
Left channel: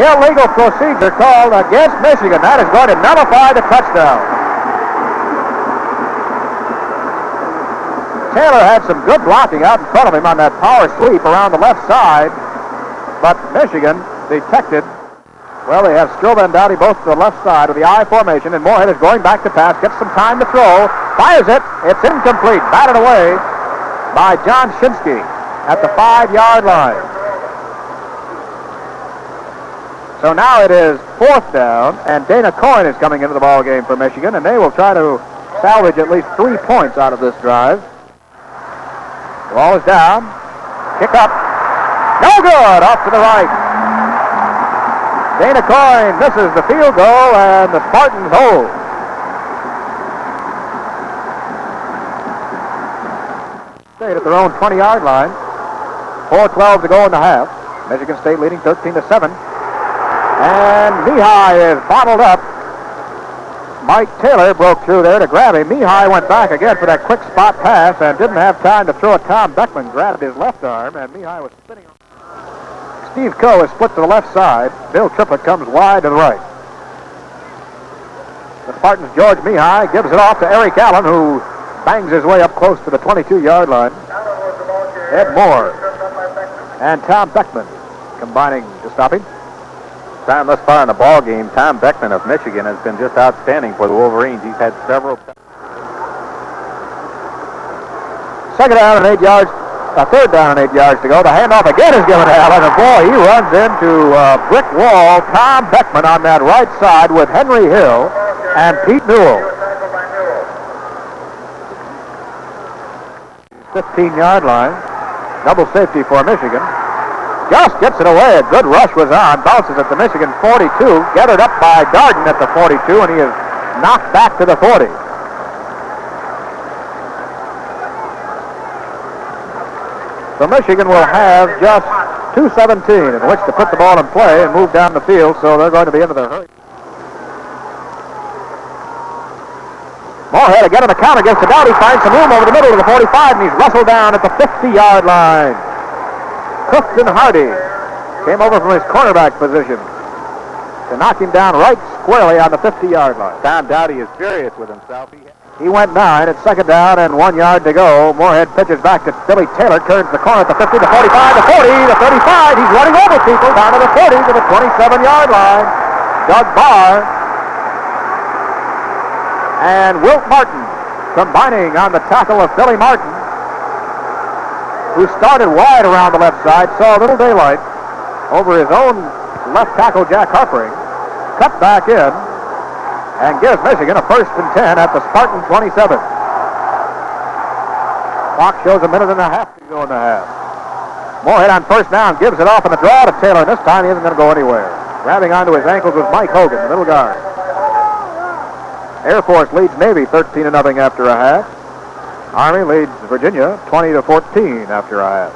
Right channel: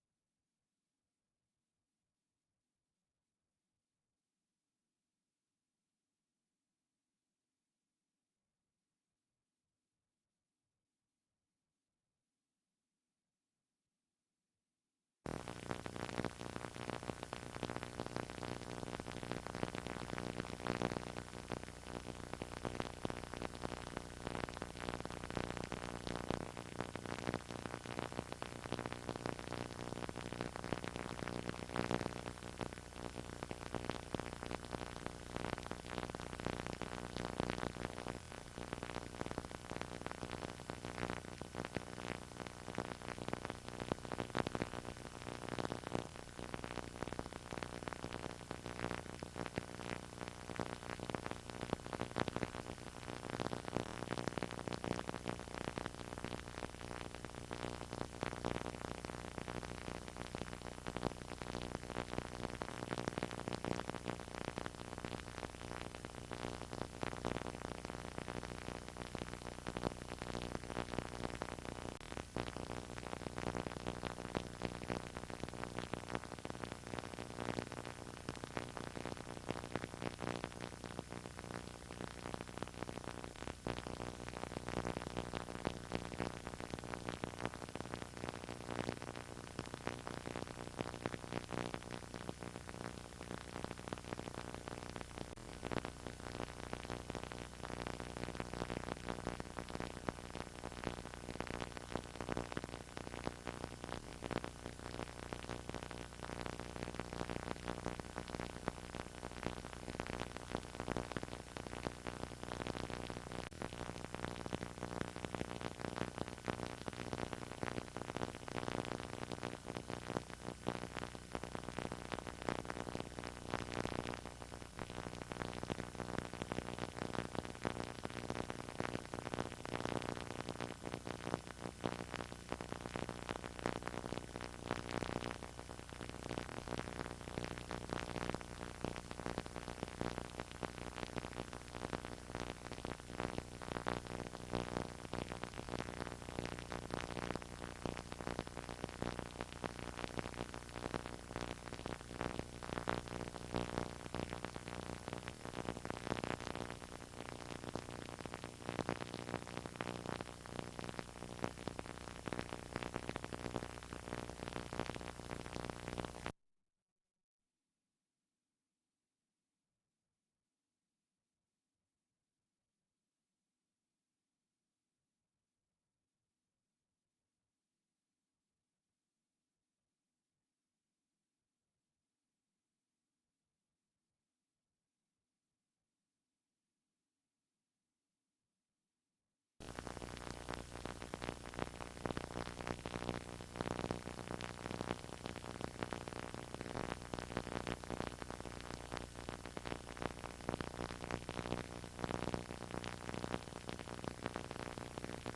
Illegal procedure called against Michigan. That is going to nullify the touchdown. Taylor had some good blocking out in front of him on that power sweep around the left side, but Michigan detected. Well, they have Strobel and Dowdy both to the left side with the I formation, and Moorhead is going back to pass, gets some time to throw, fires it, it's incomplete, batted away by John Shinsky at the 5-yard line. So now it is fourth down, and Dana Coyne is coming into the ball game for Michigan, and they will try to salvage at least 3 points out of this drive. The ball is down. Kick up. No good. Off to the right. Dana Coyne misses the field goal, and the Spartans hold. State at their own 20-yard line. 4:12 to go in the half. Michigan State leading 13-7. And Mihai is bottled up. Mike Taylor broke through there to grab him. Mihai went back again for that quick spot pass and didn't have time to throw it. Tom Beckman grabbed his left arm, and Mihai was spinning. Steve Coe is split to the left side. Bill Triplett comes wide to the right. The Spartans' George Mihai gives it off to Eric Allen, who bangs his way up close to the 22-yard line. Ed Moore and Tom Beckman combining to stop him. Time thus far in the ball game, Tom Beckman of Michigan has been just outstanding for the Wolverines. He's had several. Second down and 8 yards. Third down and 8 yards to go. The handoff again is given to Allen, and boy, he runs into a brick wall. Tom Beckman on that right side with Henry Hill and Pete Newell. 15-yard line. Double safety for Michigan. Just gets it away. A good rush was on. Bounces at the Michigan 42. Gathered up by Darden at the 42, and he is knocked back to the 40. So Michigan will have just 2:17 in which to put the ball in play and move down the field, so they're going to be into their hurry. Moorhead again on the counter against the Dowdy. Finds some room over the middle of the 45, and he's wrestled down at the 50-yard line. Clifton Hardy came over from his cornerback position to knock him down right squarely on the 50-yard line. Tom Dowdy is furious with himself. He went 9 at second down and 1 yard to go. Moorhead pitches back to Billy Taylor, turns the corner at the 50, the 45, the 40, the 35. He's running over people down to the 40 to the 27-yard line. Doug Barr and Wilt Martin combining on the tackle of Billy Martin, who started wide around the left side, saw a little daylight over his own left tackle, Jack Harpering, cut back in, and gives Michigan a 1st and 10 at the Spartan 27. Clock shows a minute and a half to go in the half. Moorhead on first down gives it off in the draw to Taylor, and this time he isn't going to go anywhere. Grabbing onto his ankles was Mike Hogan, the middle guard. Air Force leads Navy 13-0 after a half. Army leads Virginia 20-14 after a half.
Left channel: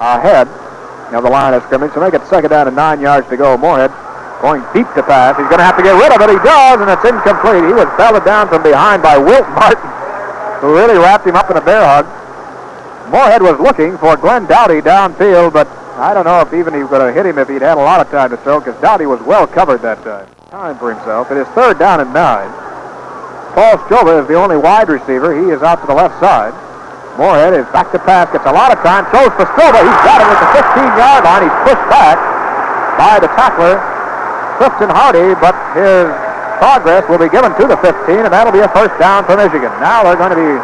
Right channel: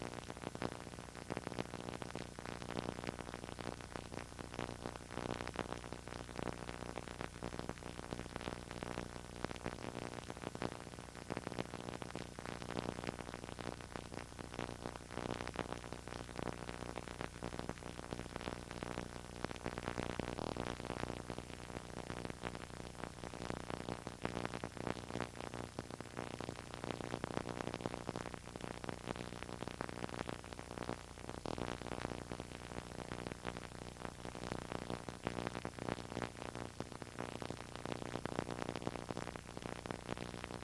Ahead of the line of scrimmage, so make it second down and 9 yards to go. Moorhead going deep to pass. He's going to have to get rid of it. He does, and it's incomplete. He was belted down from behind by Wilt Martin, who really wrapped him up in a bear hug. Moorhead was looking for Glenn Dowdy downfield, but I don't know if even he would have hit him if he'd had a lot of time to throw, because Dowdy was well covered that time. Time for himself. It is third down and 9. Paul Strova is the only wide receiver. He is out to the left side. Moorhead is back to pass, gets a lot of time, throws for Strova. He's got him at the 15-yard line. He's pushed back by the tackler, Clifton Hardy, but his progress will be given to the 15, and that'll be a first down for Michigan. Now they're going to be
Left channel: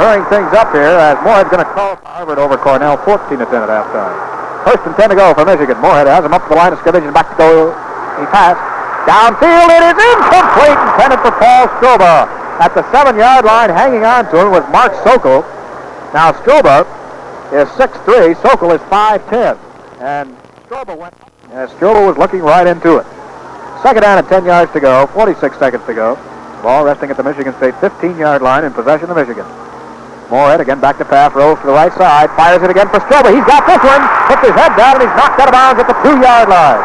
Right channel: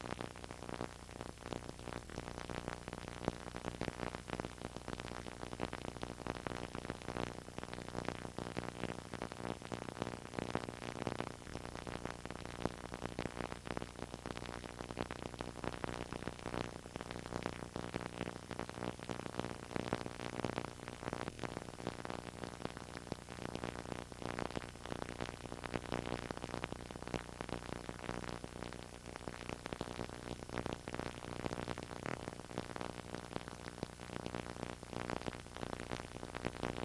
hurrying things up here as Moorhead's going to call Harvard over Cornell, 14 to 10 at halftime. First and 10 to go for Michigan. Moorhead has him up to the line of scrimmage and back to go. He passed. Downfield, it is incomplete, intended for Paul Stroba. At the 7-yard line, hanging on to him was Mark Sokol. Now Stroba is 6'3", Sokol is 5'10", and Stroba went as Stroba was looking right into it. Second down and 10 yards to go, 46 seconds to go. Ball resting at the Michigan State 15-yard line in possession of Michigan. Moorhead again back to pass, rolls to the right side, fires it again for Stroba. He's got this one, puts his head down, and he's knocked out of bounds at the 2-yard line.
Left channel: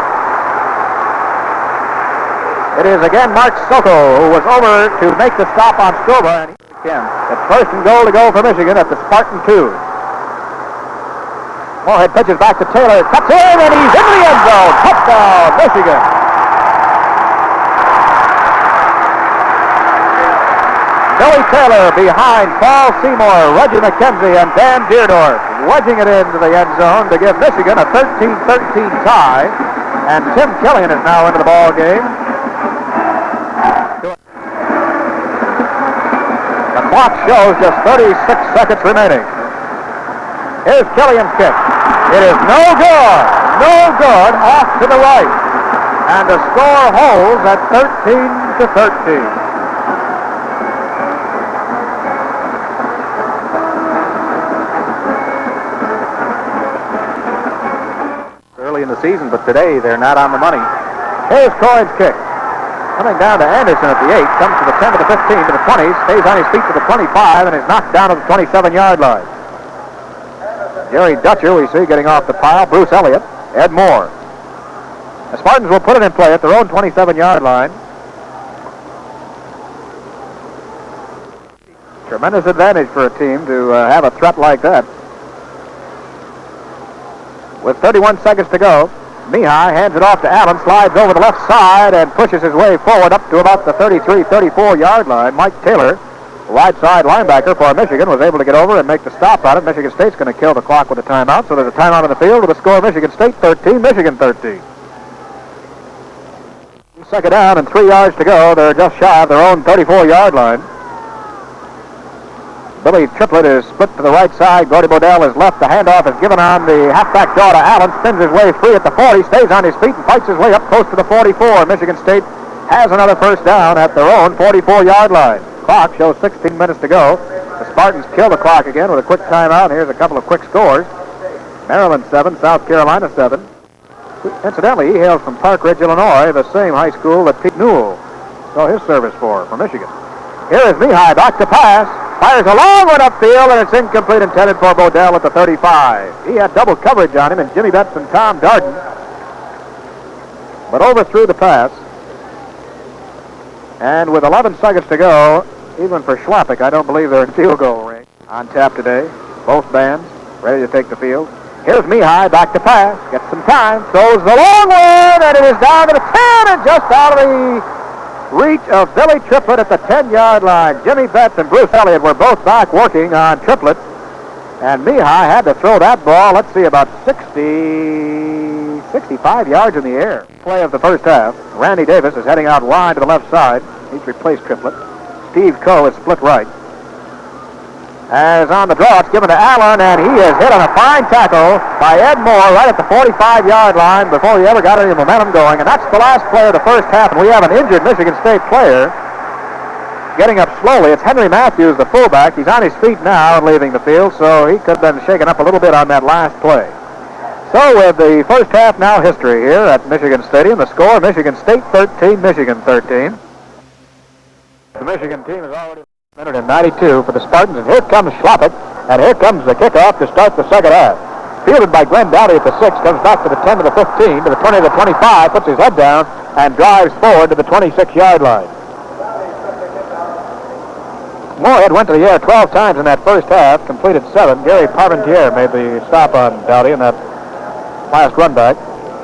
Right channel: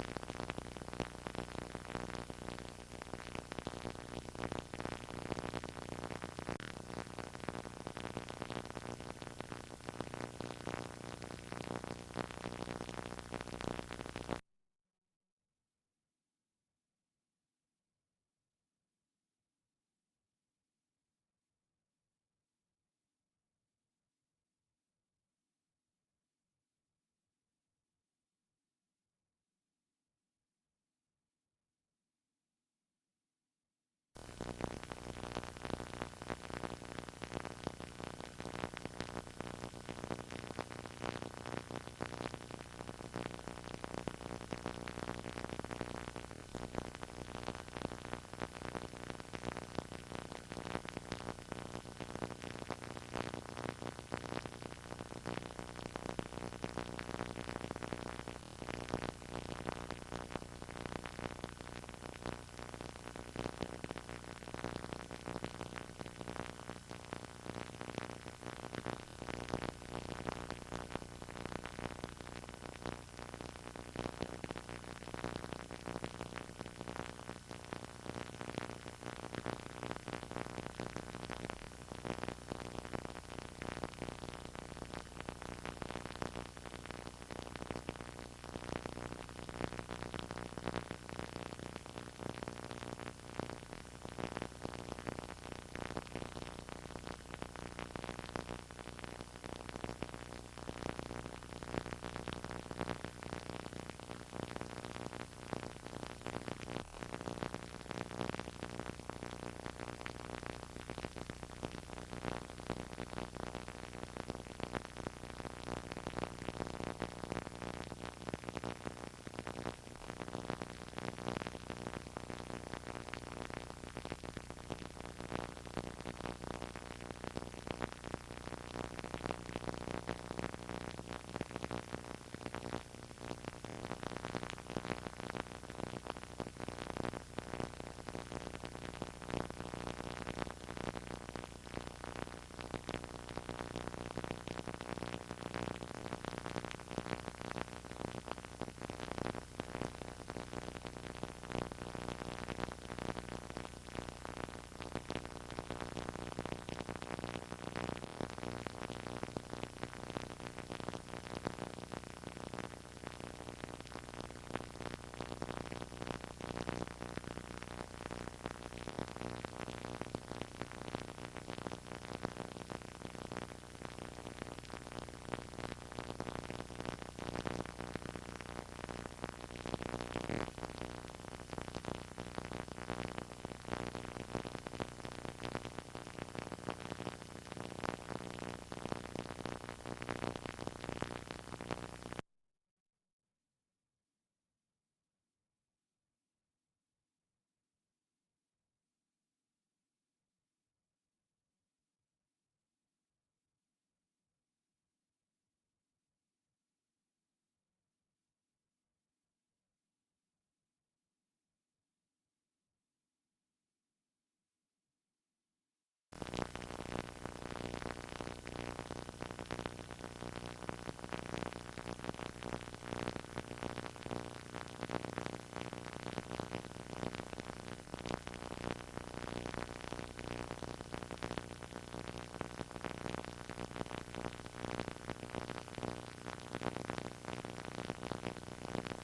It is again Mark Sokol who was over to make the stop on Stroba. And it's first and goal to go for Michigan at the Spartan 2. Moorhead pitches back to Taylor, cuts in, and he's in the end zone. Touchdown, Michigan. Billy Taylor behind Paul Seymour, Reggie McKenzie, and Dan Deerdorf, wedging it into the end zone to give Michigan a 13-13 tie. And Tim Killian is now into the ball game. The clock shows just 36 seconds remaining. Here's Killian's kick. It is no good, off to the right. And the score holds at 13-13. Early in the season, but today they're not on the money. Here's Coyne's kick. Coming down to Anderson at the 8, comes to the 10 to the 15 to the 20, stays on his feet to the 25, and is knocked down to the 27-yard line. Jerry Dutcher, we see, getting off the pile. Bruce Elliott, Ed Moore. The Spartans will put it in play at their own 27-yard line. Tremendous advantage for a team to have a threat like that. With 31 seconds to go, Mihai hands it off to Allen, slides over the left side, and pushes his way forward up to about the 33, 34-yard line. Mike Taylor, wide side linebacker for Michigan, was able to get over and make the stop on it. Michigan State's going to kill the clock with a timeout, so there's a timeout on the field with a score of Michigan State 13, Michigan 13. Second down and 3 yards to go. They're just shy of their own 34-yard line. Billy Triplett is split to the right side. Gordy Bodell is left. The handoff is given on the halfback draw to Allen. Spins his way free at the 40. Stays on his feet and fights his way up close to the 44. Michigan State has another first down at their own 44-yard line. Clock shows 16 minutes to go. The Spartans kill the clock again with a quick timeout. Here's a couple of quick scores. Maryland 7, South Carolina 7. Incidentally, he hails from Park Ridge, Illinois, the same high school that Pete Newell saw his service for Michigan. Here is Mihai back to pass. Fires a long one upfield, and it's incomplete, intended for Bodell at the 35. He had double coverage on him, and Jimmy Betts and Tom Darden, but overthrew the pass. And with 11 seconds to go, even for Schlappich, I don't believe they're in field goal range. On tap today, both bands ready to take the field. Here's Mihai back to pass, gets some time, throws the long one, and it is down to the 10, and just out of the reach of Billy Triplett at the 10-yard line. Jimmy Betts and Bruce Elliott were both back working on Triplett. And Mihai had to throw that ball, let's see, about 65 yards in the air. Play of the first half. Randy Davis is heading out wide to the left side. He's replaced Triplett. Steve Coe is split right. As on the draw, it's given to Allen, and he is hit on a fine tackle by Ed Moore right at the 45-yard line before he ever got any momentum going. And that's the last play of the first half, and we have an injured Michigan State player getting up slowly. It's Henry Matthews, the fullback. He's on his feet now and leaving the field, so he could have been shaken up a little bit on that last play. So with the first half now history here at Michigan Stadium, the score, Michigan State 13, Michigan 13. The Michigan team is already... minute and 92 for the Spartans, and here comes Schlappich, and here comes the kickoff to start the second half. Fielded by Glenn Dowdy at the 6, comes back to the 10 to the 15, to the 20 to the 25, puts his head down, and drives forward to the 26-yard line. Moorhead went to the air 12 times in that first half, completed 7. Gary Parmentier made the stop on Dowdy in that last run back.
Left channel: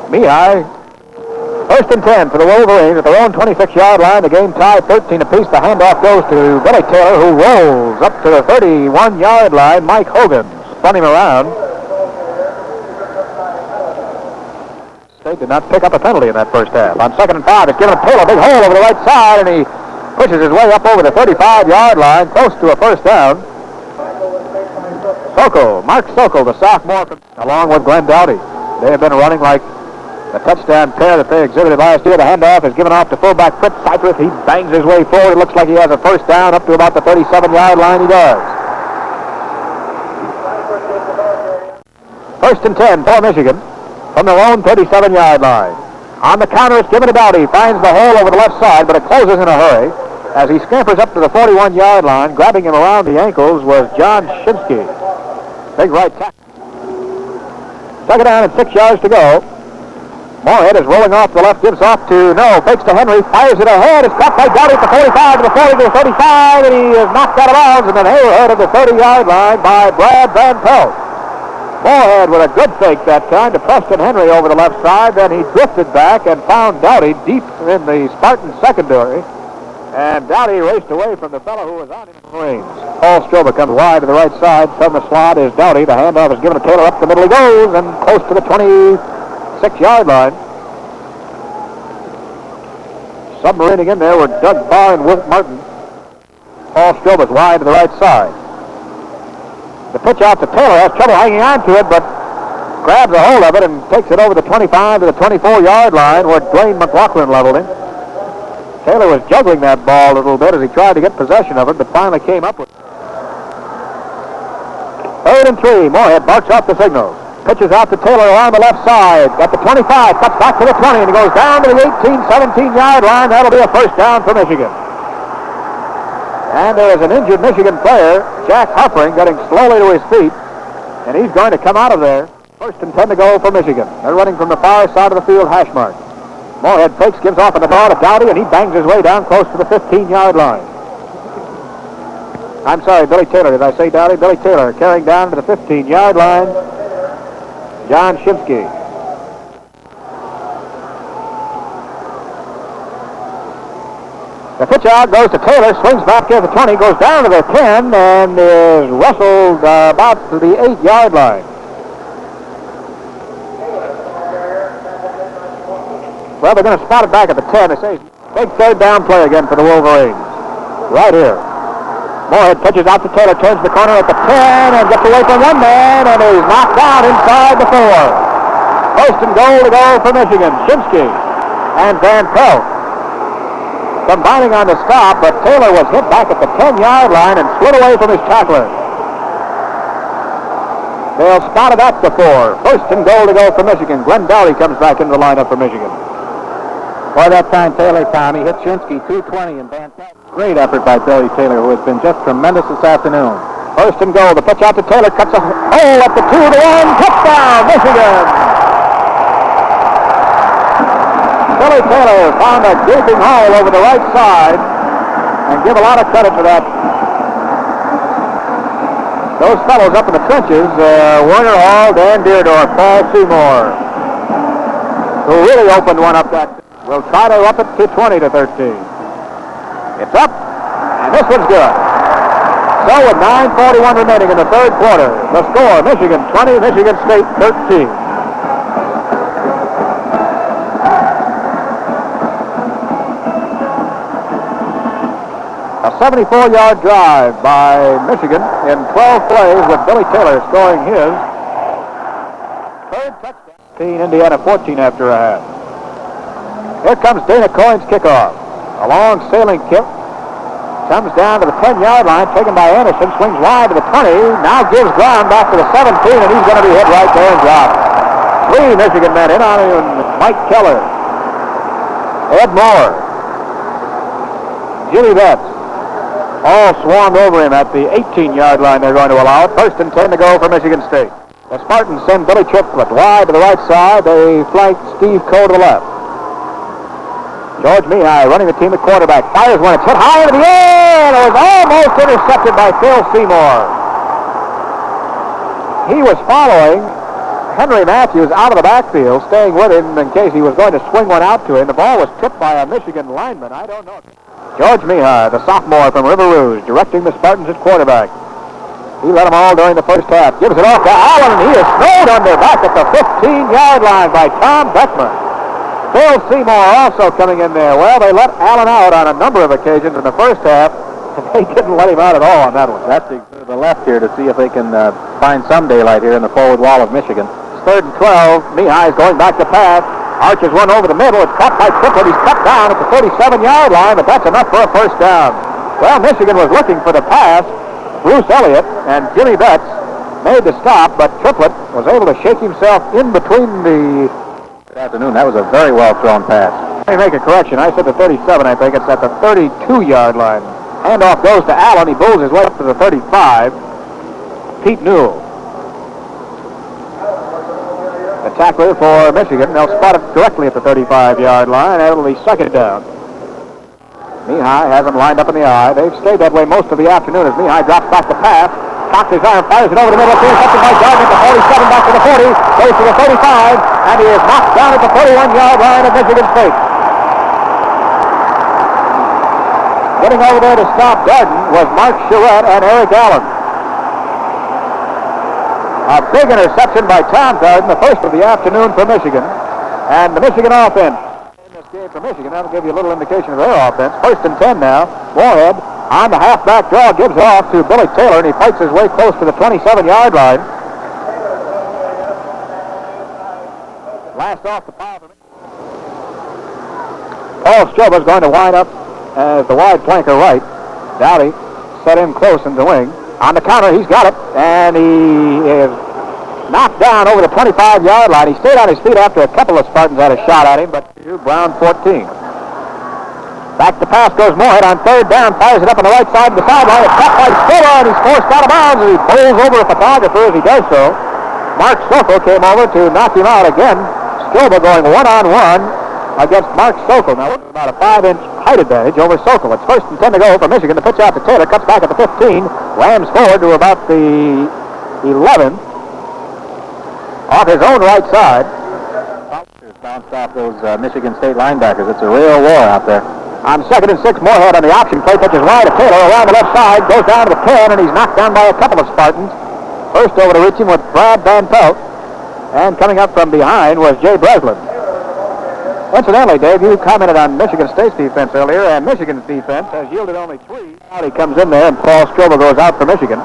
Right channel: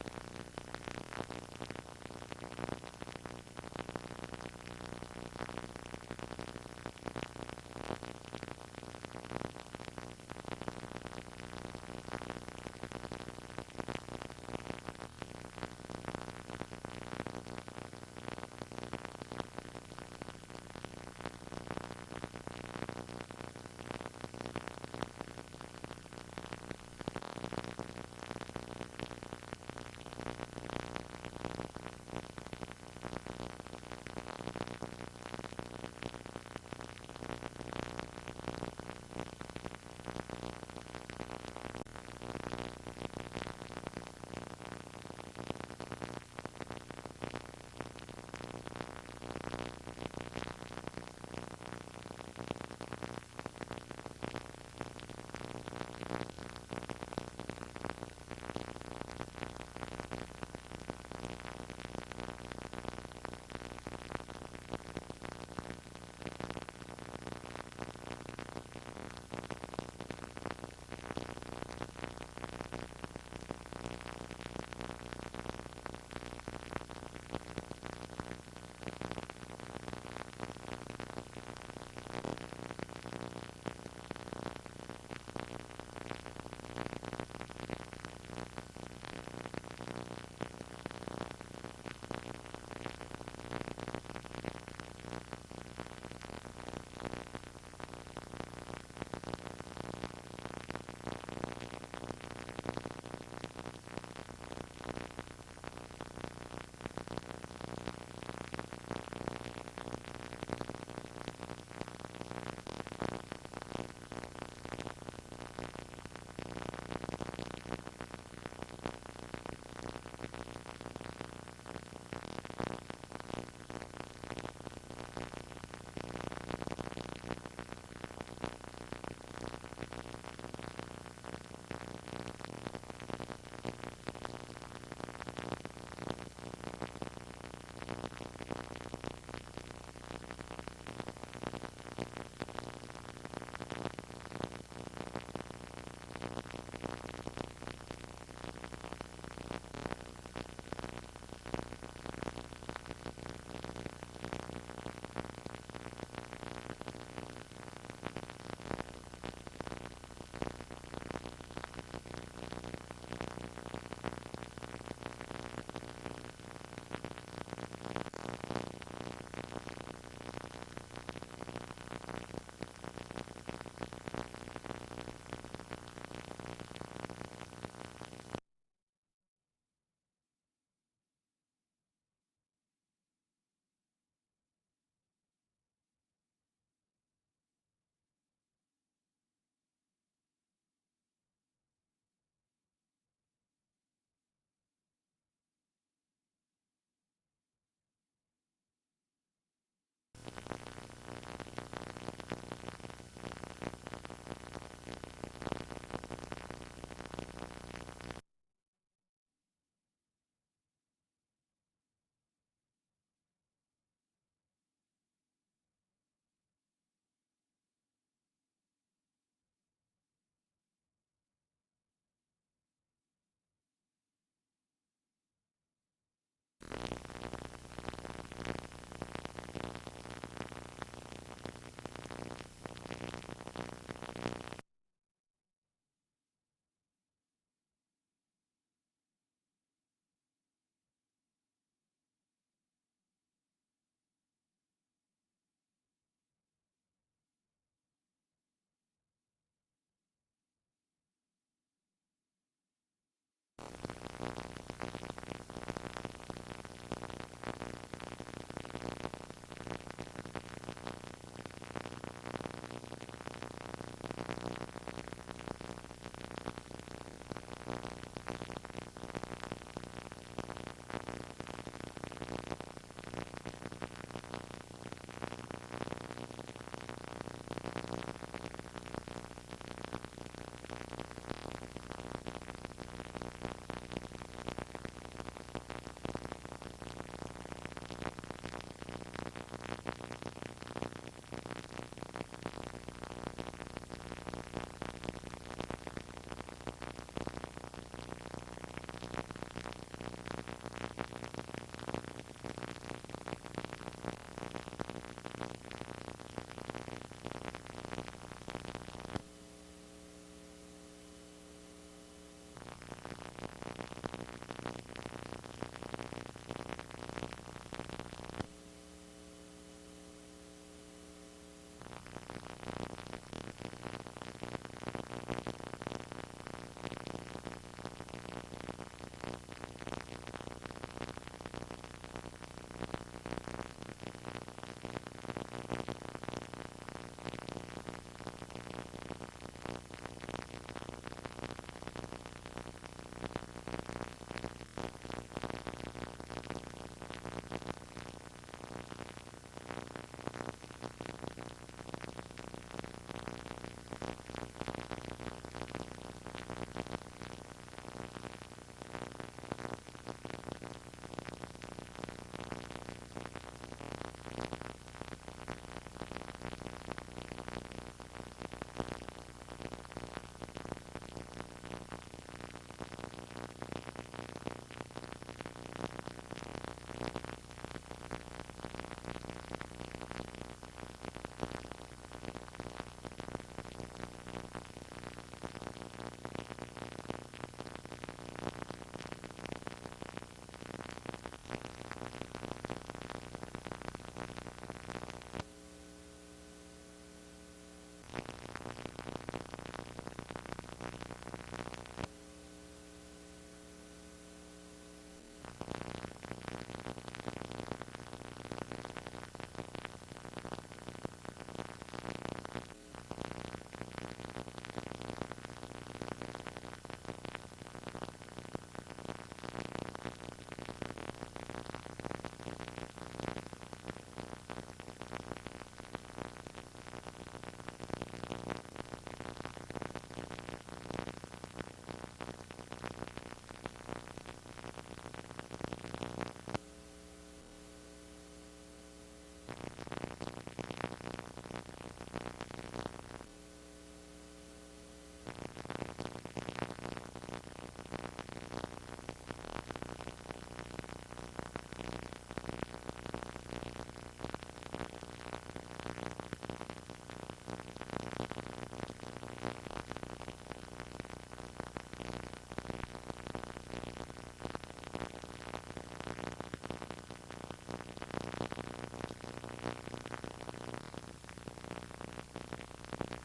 Mihai, first and 10 for the Wolverines at their own 26-yard line. The game tied 13 apiece. The handoff goes to Billy Taylor, who rolls up to the 31-yard line. Mike Hogan spun him around. They did not pick up a penalty in that first half. On 2nd and 5, it's given Taylor a big hole over the right side, and he pushes his way up over the 35-yard line, close to a first down. Mark Sokol, the sophomore, along with Glenn Dowdy. They have been running like the touchdown pair that they exhibited last year. The handoff is given off to fullback Fritz Cypress. He bangs his way forward. It looks like he has a first down up to about the 37-yard line. He does. 1st and 10 for Michigan from their own 37-yard line. On the counter, it's given to Dowdy. Finds the hole over the left side, but it closes in a hurry. As he scampers up to the 41-yard line, grabbing him around the ankles was John Shinsky. Big right tackle. 2nd down and 6 yards to go. Moorhead is rolling off the left, gives off to fakes to Henry, fires it ahead. It's caught by Dowdy at the 45 to the 40 to the 35, and he is knocked out of bounds in the neighborhood of the 30-yard line by Brad Van Pelt. Moorhead with a good fake that time to Preston Henry over the left side. Then he drifted back and found Dowdy deep in the Spartan secondary. And Dowdy raced away from the fellow who was on his Marines. Paul Stroba comes wide to the right side. From the slot is Dowdy. The handoff is given to Taylor. Up the middle he goes and close to the 26-yard line. Submarining in there were Doug Barr and Wilt Martin. Paul Stroba's wide to the right side. The pitch out to Taylor, has trouble hanging on to it, but grabs a hold of it and takes it over the 25 to the 24-yard line where Dwayne McLaughlin leveled him. Taylor was juggling that ball a little bit as he tried to get possession of it, but finally came up with it. 3rd and 3, Moorhead barks off the signal. Pitches out to Taylor around the left side. Got the 25, cuts back to the 20, and he goes down to the 18, 17-yard line. That'll be a first down for Michigan. And there is an injured Michigan player, Jack Huffring, getting slowly to his feet, and he's going to come out of there. 1st and 10 to go for Michigan. They're running from the far side of the field, hash mark. Moorhead fakes, gives off on the ball to Dowdy, and he bangs his way down close to the 15-yard line. I'm sorry, Billy Taylor. Did I say Dowdy? Billy Taylor carrying down to the 15-yard line. John Shinsky. The pitch out goes to Taylor, swings back here to the 20, goes down to the 10, and is wrestled about to the 8-yard line. Well, they're going to spot it back at the 10. They say big 3rd down play again for the Wolverines. Right here. Moorhead pitches out to Taylor, turns the corner at the 10, and gets away from one man, and is knocked out inside the 4. 1st and goal to go for Michigan. Shinsky and Van Pelt combining on the stop, but Taylor was hit back at the 10-yard line and slid away from his tackler. They'll spot it at the 4. 1st and goal to go for Michigan. Glenn Dowdy comes back into the lineup for Michigan. By that time, Taylor, Tommy, hit Shinsky 220 and Van Pelt. Great effort by Billy Taylor, who has been just tremendous this afternoon. 1st and goal. The pitch out to Taylor, cuts a hole up the 2 to 1. Touchdown, Michigan! Billy Taylor found a gaping hole over the right side, and give a lot of credit for that. Those fellows up in the trenches, Werner Hall, Dan Deerdorf, Paul Seymour, who really opened one up that. We'll try to up it to 20 to 13. It's up, and this one's good. So with 9:41 remaining in the 3rd quarter, the score, Michigan 20, Michigan State 13. A 74-yard drive by Michigan in 12 plays with Billy Taylor scoring his 3rd touchdown. Indiana 14 after a half. Here comes Dana Coyne's kickoff. A long sailing kick. Comes down to the 10-yard line, taken by Anderson, swings wide to the 20, now gives ground back to the 17, and he's going to be hit right there and dropped. 3 Michigan men in on him. Mike Keller, Ed Moore, Jimmy Betts, all swarmed over him at the 18-yard line. They're going to allow it. 1st and 10 to go for Michigan State. The Spartans send Billy Triplett wide to the right side. They flank Steve Coe to the left. George Mihai running the team at quarterback. Fires one. It's hit high into the air. It was almost intercepted by Phil Seymour. He was following Henry Matthews out of the backfield, staying with him in case he was going to swing one out to him. The ball was tipped by a Michigan lineman. I don't know. George Mihai, the sophomore from River Rouge, directing the Spartans at quarterback. He led them all during the first half. Gives it off to Allen, and he is snowed under back at the 15-yard line by Tom Beckman. Phil Seymour also coming in there. Well, they let Allen out on a number of occasions in the first half, and they didn't let him out at all on that one. That's to the left here to see if they can find some daylight here in the forward wall of Michigan. It's 3rd and 12. Mihai's going back to pass. Arches one over the middle. It's caught by Triplett. He's cut down at the 37-yard line, but that's enough for a first down. Well, Michigan was looking for the pass. Bruce Elliott and Jimmy Betts made the stop, but Triplett was able to shake himself in between the... Good afternoon. That was a very well-thrown pass. Let me make a correction. I said the 37, I think. It's at the 32-yard line. Handoff goes to Allen. He bowls his way up to the 35. Pete Newell. The tackler for Michigan. They'll spot it directly at the 35-yard line. That'll be second down. Mihai has them lined up in the eye. They've stayed that way most of the afternoon as Mihai drops back the pass. Cocks his arm, fires it over the middle. Intercepted by Gardner at the 47, back to the 40. Goes to the 35, and he is knocked down at the 31-yard line of Michigan State. Getting over there to stop Garden was Mark Charette and Eric Allen. A big interception by Tom Garden, the first of the afternoon for Michigan. And the Michigan offense. In this game for Michigan, that'll give you a little indication of their offense. 1st and 10 now. Moorhead on the halfback draw gives it off to Billy Taylor, and he fights his way close to the 27-yard line. Last off the pile. Paul Stroba's going to wind up as the wide flanker right. Dowdy set him close in the wing. On the counter, he's got it, and he is knocked down over the 25-yard line. He stayed on his feet after a couple of Spartans had a shot at him, but Brown 14. Back to pass goes Moorhead on 3rd down, fires it up on the right side of the sideline. It's caught by Stroba, and he's forced out of bounds, and he bowls over a photographer as he does so. Mark Sokol came over to knock him out again. Stroba going one-on-one against Mark Sokol. Now, it's about a 5-inch height advantage over Sokol. It's 1st and 10 to go for Michigan. The pitch out to Taylor, cuts back at the 15, rams forward to about the 11, off his own right side. Bounced off those Michigan State linebackers. It's a real war out there. On 2nd and 6, Moorhead on the option play, pitches wide to Taylor around the left side, goes down to the 10, and he's knocked down by a couple of Spartans. First over to reach him with Brad Van Pelt, and coming up from behind was Jay Breslin. Incidentally, Dave, you commented on Michigan State's defense earlier, and Michigan's defense has yielded only 3. Now he comes in there, and Paul Stroba goes out for Michigan.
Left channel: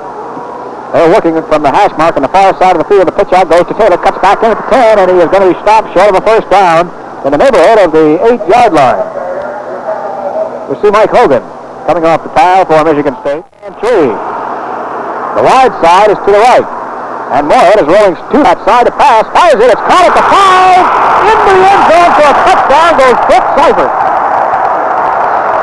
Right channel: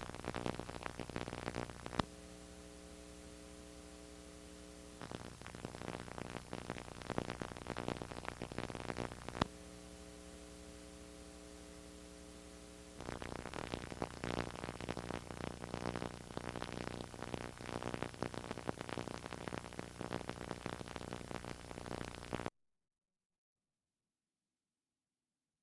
They're looking from the hash mark on the far side of the field. The pitch out goes to Taylor, cuts back in at the 10, and he is going to be stopped short of a first down in the neighborhood of the 8-yard line. We see Mike Hogan coming off the pile for Michigan State. And 3. The wide side is to the right. And Moorhead is rolling to that side to pass. Fires it. It's caught at the 5. Into the end zone for a touchdown goes Fritz Seifert.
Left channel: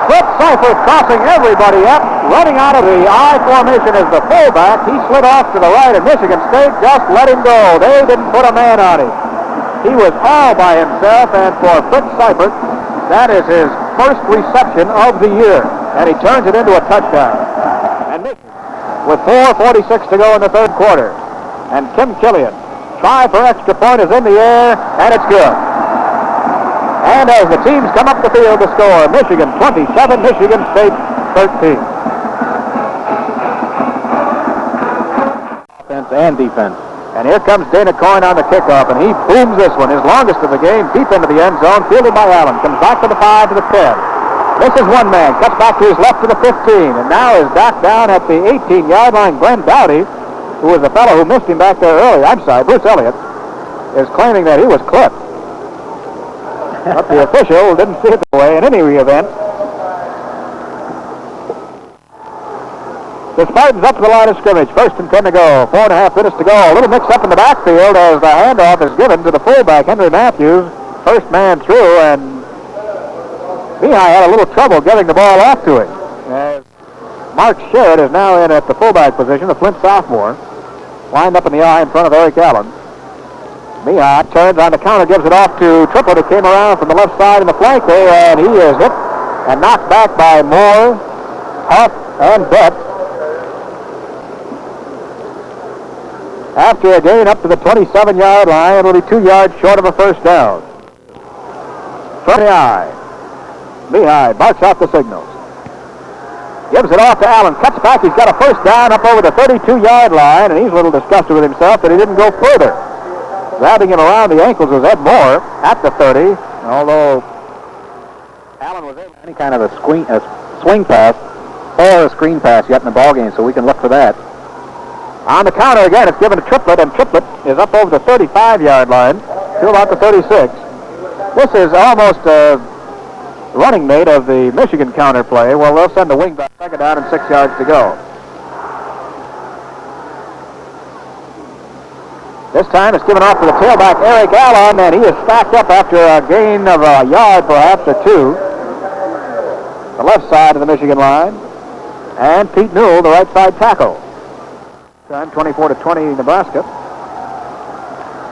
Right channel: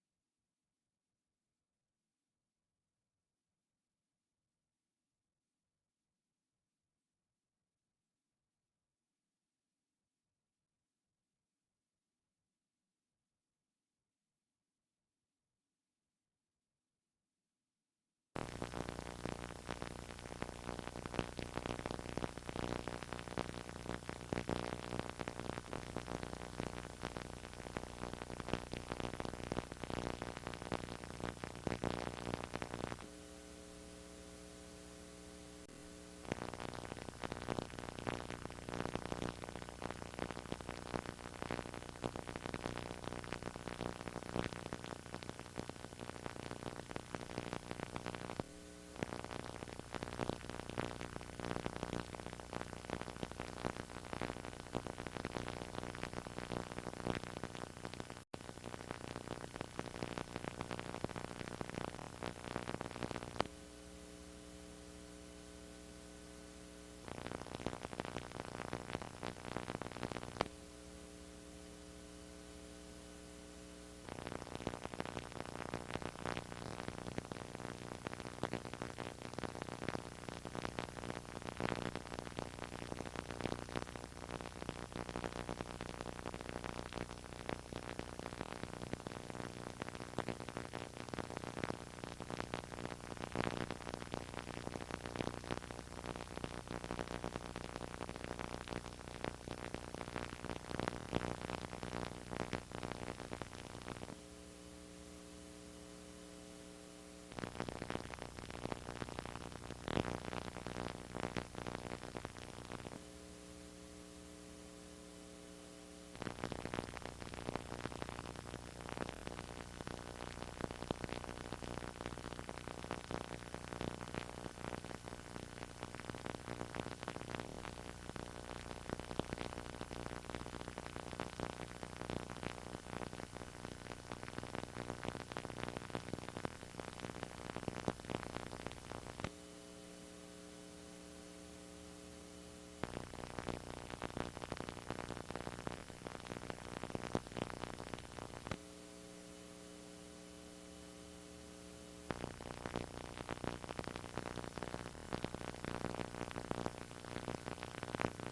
Fritz Seifert crossing everybody up, running out of the I formation as the fullback. He slid off to the right, and Michigan State just let him go. They didn't put a man on him. He was all by himself, and for Fritz Seifert, that is his first reception of the year, and he turns it into a touchdown. And with 4:46 to go in the 3rd quarter, and Tim Killian, try for extra point is in the air, and it's good. And as the teams come up the field to score, Michigan 27, Michigan State 13. Offense and defense. And here comes Dana Coyne on the kickoff, and he booms this one, his longest of the game, deep into the end zone, fielded by Allen. Comes back to the 5 to the 10. This is one man, cuts back to his left to the 15, and now is back down at the 18-yard line. Glenn Dowdy, who was the fellow who missed him back there earlier, Bruce Elliott, is claiming that he was clipped. But the official didn't see it that way in any event. The Spartans up to the line of scrimmage. 1st and 10 to go. 4.5 minutes to go. A little mix-up in the backfield as the handoff is given to the fullback, Henry Matthews. First man through, and Mihai had a little trouble getting the ball off to him. As Mark Sherritt is now in at the fullback position, the Flint sophomore. Lined up in the eye in front of Eric Allen. Mihai turns on the counter, gives it off to Triplett, who came around from the left side in the flank there, and he is hit and knocked back by Moore, Huff, and Bett. After a gain up to the 27-yard line, it'll be 2 yards short of a first down. From the eye, Mihai barks out the signals. Gives it off to Allen, cuts back, he's got a first down up over the 32-yard line, and he's a little disgusted with himself that he didn't go further. Grabbing him around the ankles was Ed Moore at the 30. Although Allen was in any kind of a swing pass or a screen pass yet in the ball game, so we can look for that. On the counter again, it's given to Triplett, and Triplett is up over the 35-yard line to about the 36. This is almost a running mate of the Michigan counter play. Well, they'll send the wing back, second down and 6 yards to go. This time it's given off to the tailback, Eric Allen, and he is stacked up after a gain of a yard, perhaps, or two. The left side of the Michigan line. And Pete Newell, the right side tackle. Time 24-20 Nebraska.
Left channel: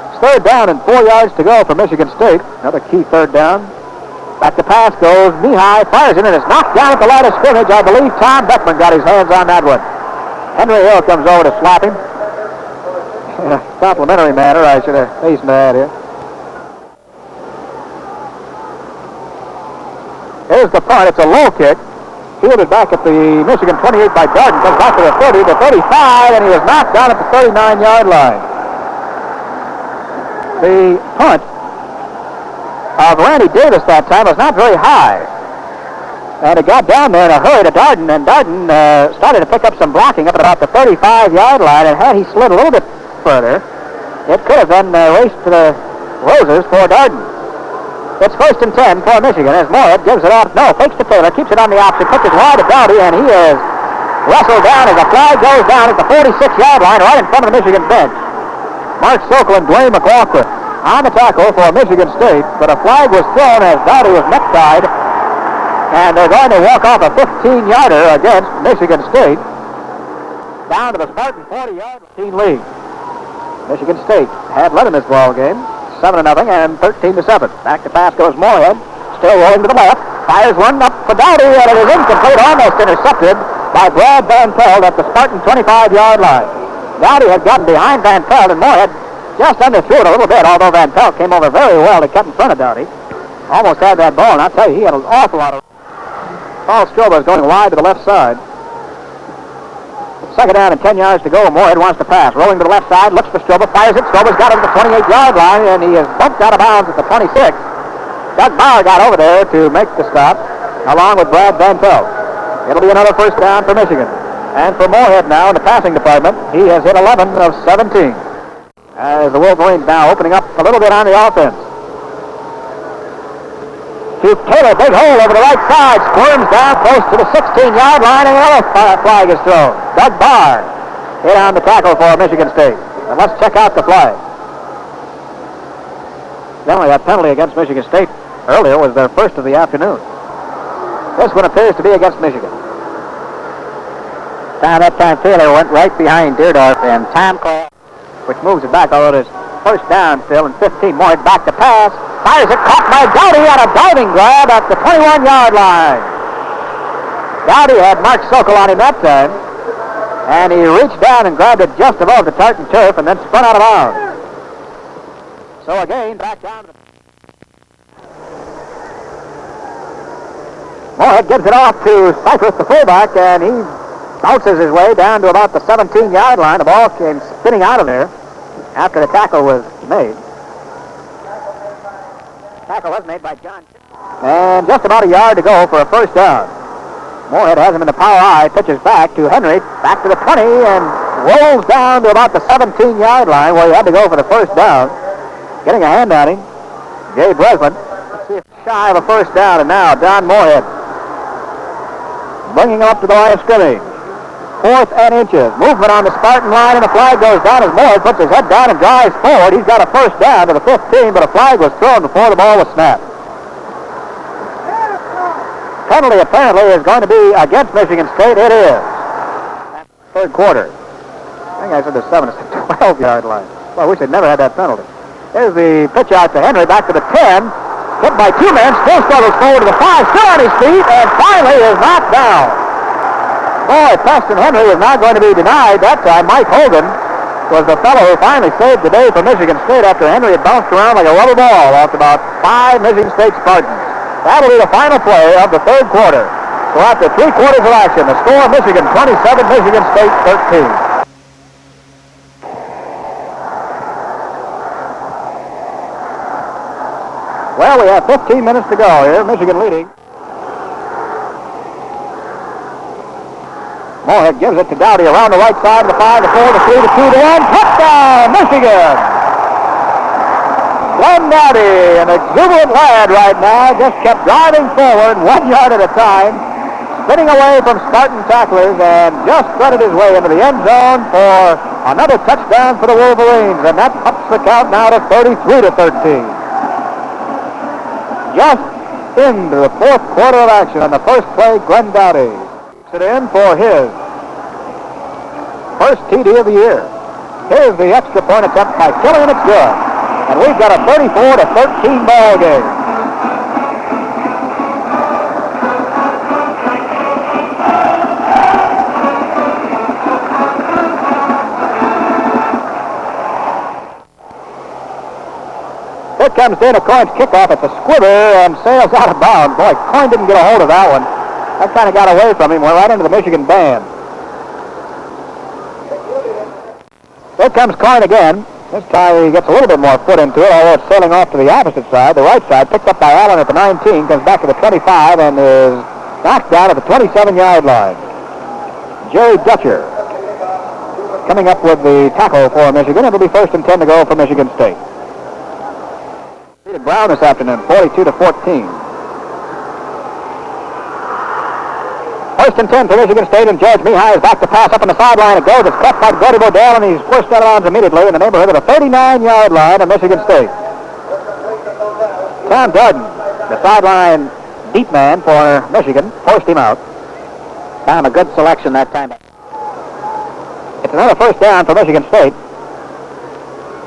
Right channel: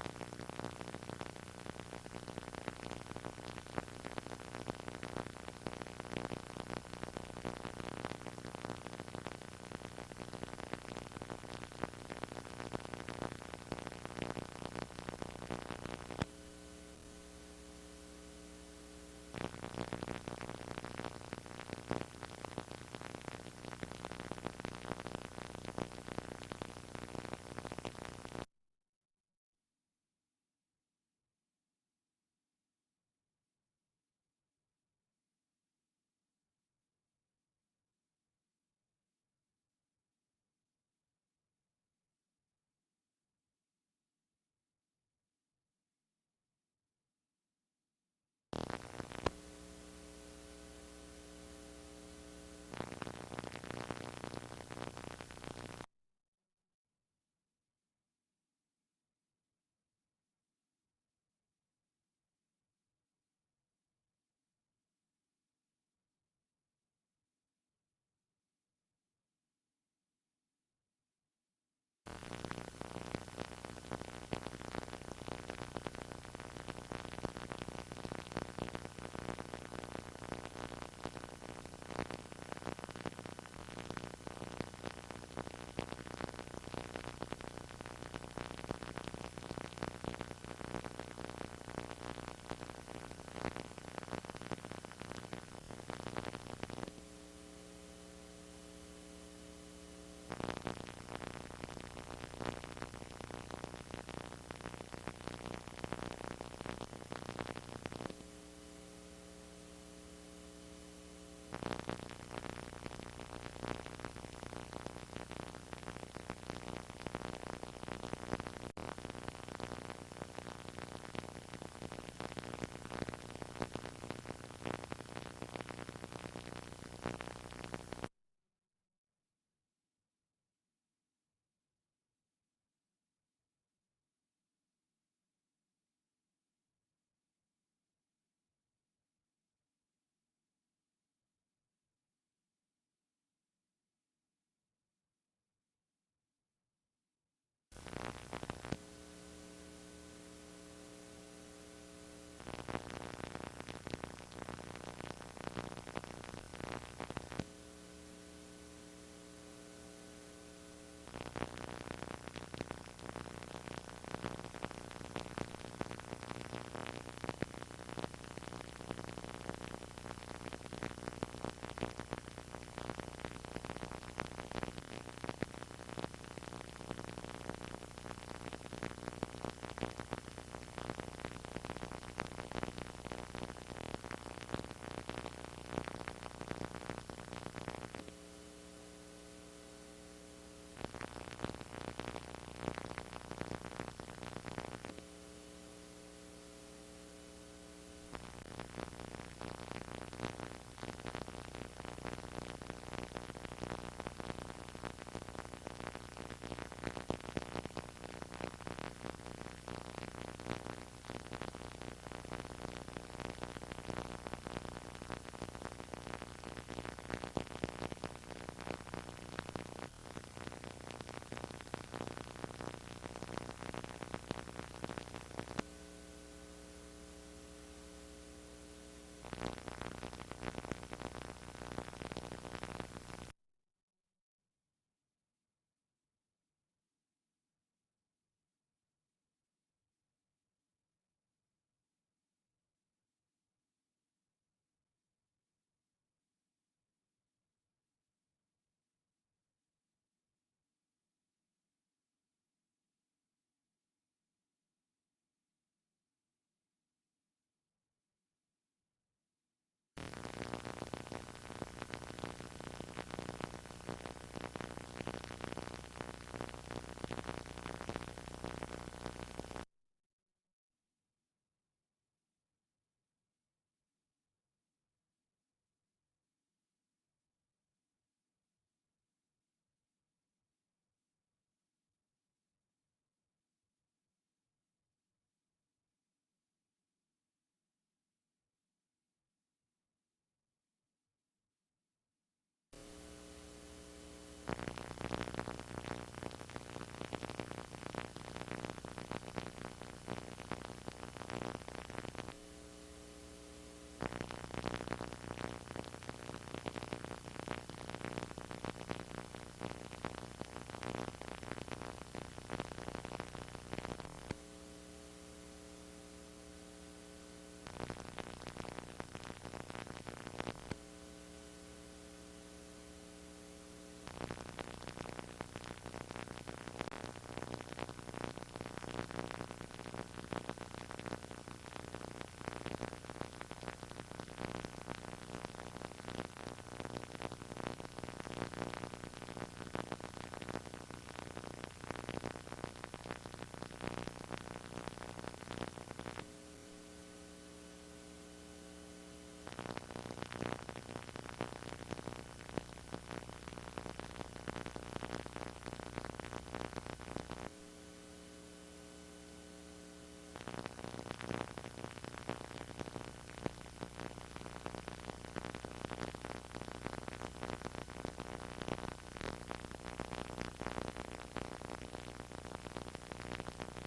It's third down and 4 yards to go for Michigan State. Another key third down. Back to pass goes knee-high, fires it, and it's knocked down at the line of scrimmage. I believe Tom Beckman got his hands on that one. Henry Hill comes over to slap him. In a complimentary manner, I should have hastened to add here. Here's the punt. It's a low kick. Fielded back at the Michigan 28 by Darden. Comes back to the 30, the 35, and he was knocked down at the 39-yard line. The punt of Randy Davis that time was not very high. And it got down there in a hurry to Darden, and Darden started to pick up some blocking up at about the 35-yard line, and had he slid a little bit further, it could have been raced to the roses for Darden. It's 1st and 10 for Michigan as Moorhead gives it off. No, fakes to Taylor, keeps it on the opposite, pitches wide to Dowdy, and he is wrestled down as the flag goes down at the 46-yard line right in front of the Michigan bench. Mark Sokol and Dwayne McLaughlin on the tackle for Michigan State, but a flag was thrown as Dowdy was necktied, and they're going to walk off a 15-yarder against Michigan State down to the Spartan 40-yard lead. Michigan State had led in this ball game. 7-0 and 13-7. Back to pass goes Moorhead. Still rolling to the left. Fires one up for Dowdy, and it is incomplete, almost intercepted by Brad Van Pelt at the Spartan 25-yard line. Dowdy had gotten behind Van Pelt, and Moorhead just underthrew it a little bit, although Van Pelt came over very well to cut in front of Dowdy. Almost had that ball, and I'll tell you, he had an awful lot of... Paul Strober is going wide to the left side. Second down and 10 yards to go. Moorhead wants to pass. Rolling to the left side, looks for Strober, fires it. Strober's got it at the 28-yard line, and he is bumped out of bounds at the 26. Doug Bauer got over there to make the stop, along with Brad Van Pelt. It'll be another first down for Michigan. And for Moorhead now in the passing department, he has hit 11 of 17. As the Wolverines now opening up a little bit on the offense. To Taylor, big hole over the right side, squirms down close to the 16-yard line, and another flag is thrown. Doug Barr hit on the tackle for Michigan State. And let's check out the flag. Generally, that penalty against Michigan State earlier was their first of the afternoon. This one appears to be against Michigan. Now, that time Taylor went right behind Deerdorf, and time call, which moves it back, although it is first down still, and 15 more. Back to pass. Fires it, caught by Dowdy on a diving grab at the 21-yard line. Dowdy had Mark Sokol on him that time, and he reached down and grabbed it just above the tartan turf and then spun out of bounds. So again, back down. Moorhead gives it off to Cypress, the fullback, and he bounces his way down to about the 17-yard line. The ball came spinning out of there after the tackle was made. Tackle was made by John. And just about a yard to go for a first down. Moorhead has him in the power eye, pitches back to Henry, back to the 20, and rolls down to about the 17-yard line where he had to go for the first down. Getting a hand on him, Gabe Breslin. Let's see if it's shy of a first down, and now Don Moorhead bringing him up to the line of scrimmage. 4th and inches. Movement on the Spartan line, and the flag goes down as Moorhead puts his head down and drives forward. He's got a first down to the 15, but a flag was thrown before the ball was snapped. Penalty apparently is going to be against Michigan State. It is. Third quarter. I think I said the 7 to 12-yard line. Well, I wish they'd never had that penalty. There's the pitch out to Henry, back to the 10. Hit by 2 men, still struggles forward to the 5, still on his feet, and finally is knocked down. Boy, Preston Henry is not going to be denied that time. Mike Hogan was the fellow who finally saved the day for Michigan State after Henry had bounced around like a rubber ball off about 5 Michigan State Spartans. That'll be the final play of the third quarter. So after 3 quarters of action, the score, Michigan 27, Michigan State 13. Well, we have about 15 minutes to go here. Michigan leading. Moorhead gives it to Dowdy around the right side of the 5, the 4, the 3, the 2, the 1. Touchdown, Michigan! Glenn Dowdy, an exuberant lad right now, just kept driving forward 1 yard at a time, spinning away from Spartan tacklers, and just threaded his way into the end zone for another touchdown for the Wolverines, and that ups the count now to 33-13. Just into the fourth quarter of action on the first play, Glenn Dowdy it in for his first TD of the year. Here's the extra point attempt by Kelly, and it's good. And we've got a 34-13 ball game. Here comes Dana Coyne's kickoff at the squiver and sails out of bounds. Boy, Coyne didn't get a hold of that one. That kind of got away from him, went right into the Michigan band. Here comes Coyne again. This time he gets a little bit more foot into it, although it's sailing off to the opposite side. The right side, picked up by Allen at the 19, comes back to the 25, and is knocked down at the 27-yard line. Jerry Dutcher coming up with the tackle for Michigan. It'll be 1st and 10 to go for Michigan State. Brown this afternoon, 42-14. 1st and 10 for Michigan State, and George Mihai is back to pass up on the sideline. It goes. It's caught by Brody Bodell, and he's pushed out of bounds immediately in the neighborhood of the 39-yard line of Michigan State. Tom Darden, the sideline deep man for Michigan, forced him out. Found a good selection that time. It's another 1st down for Michigan State.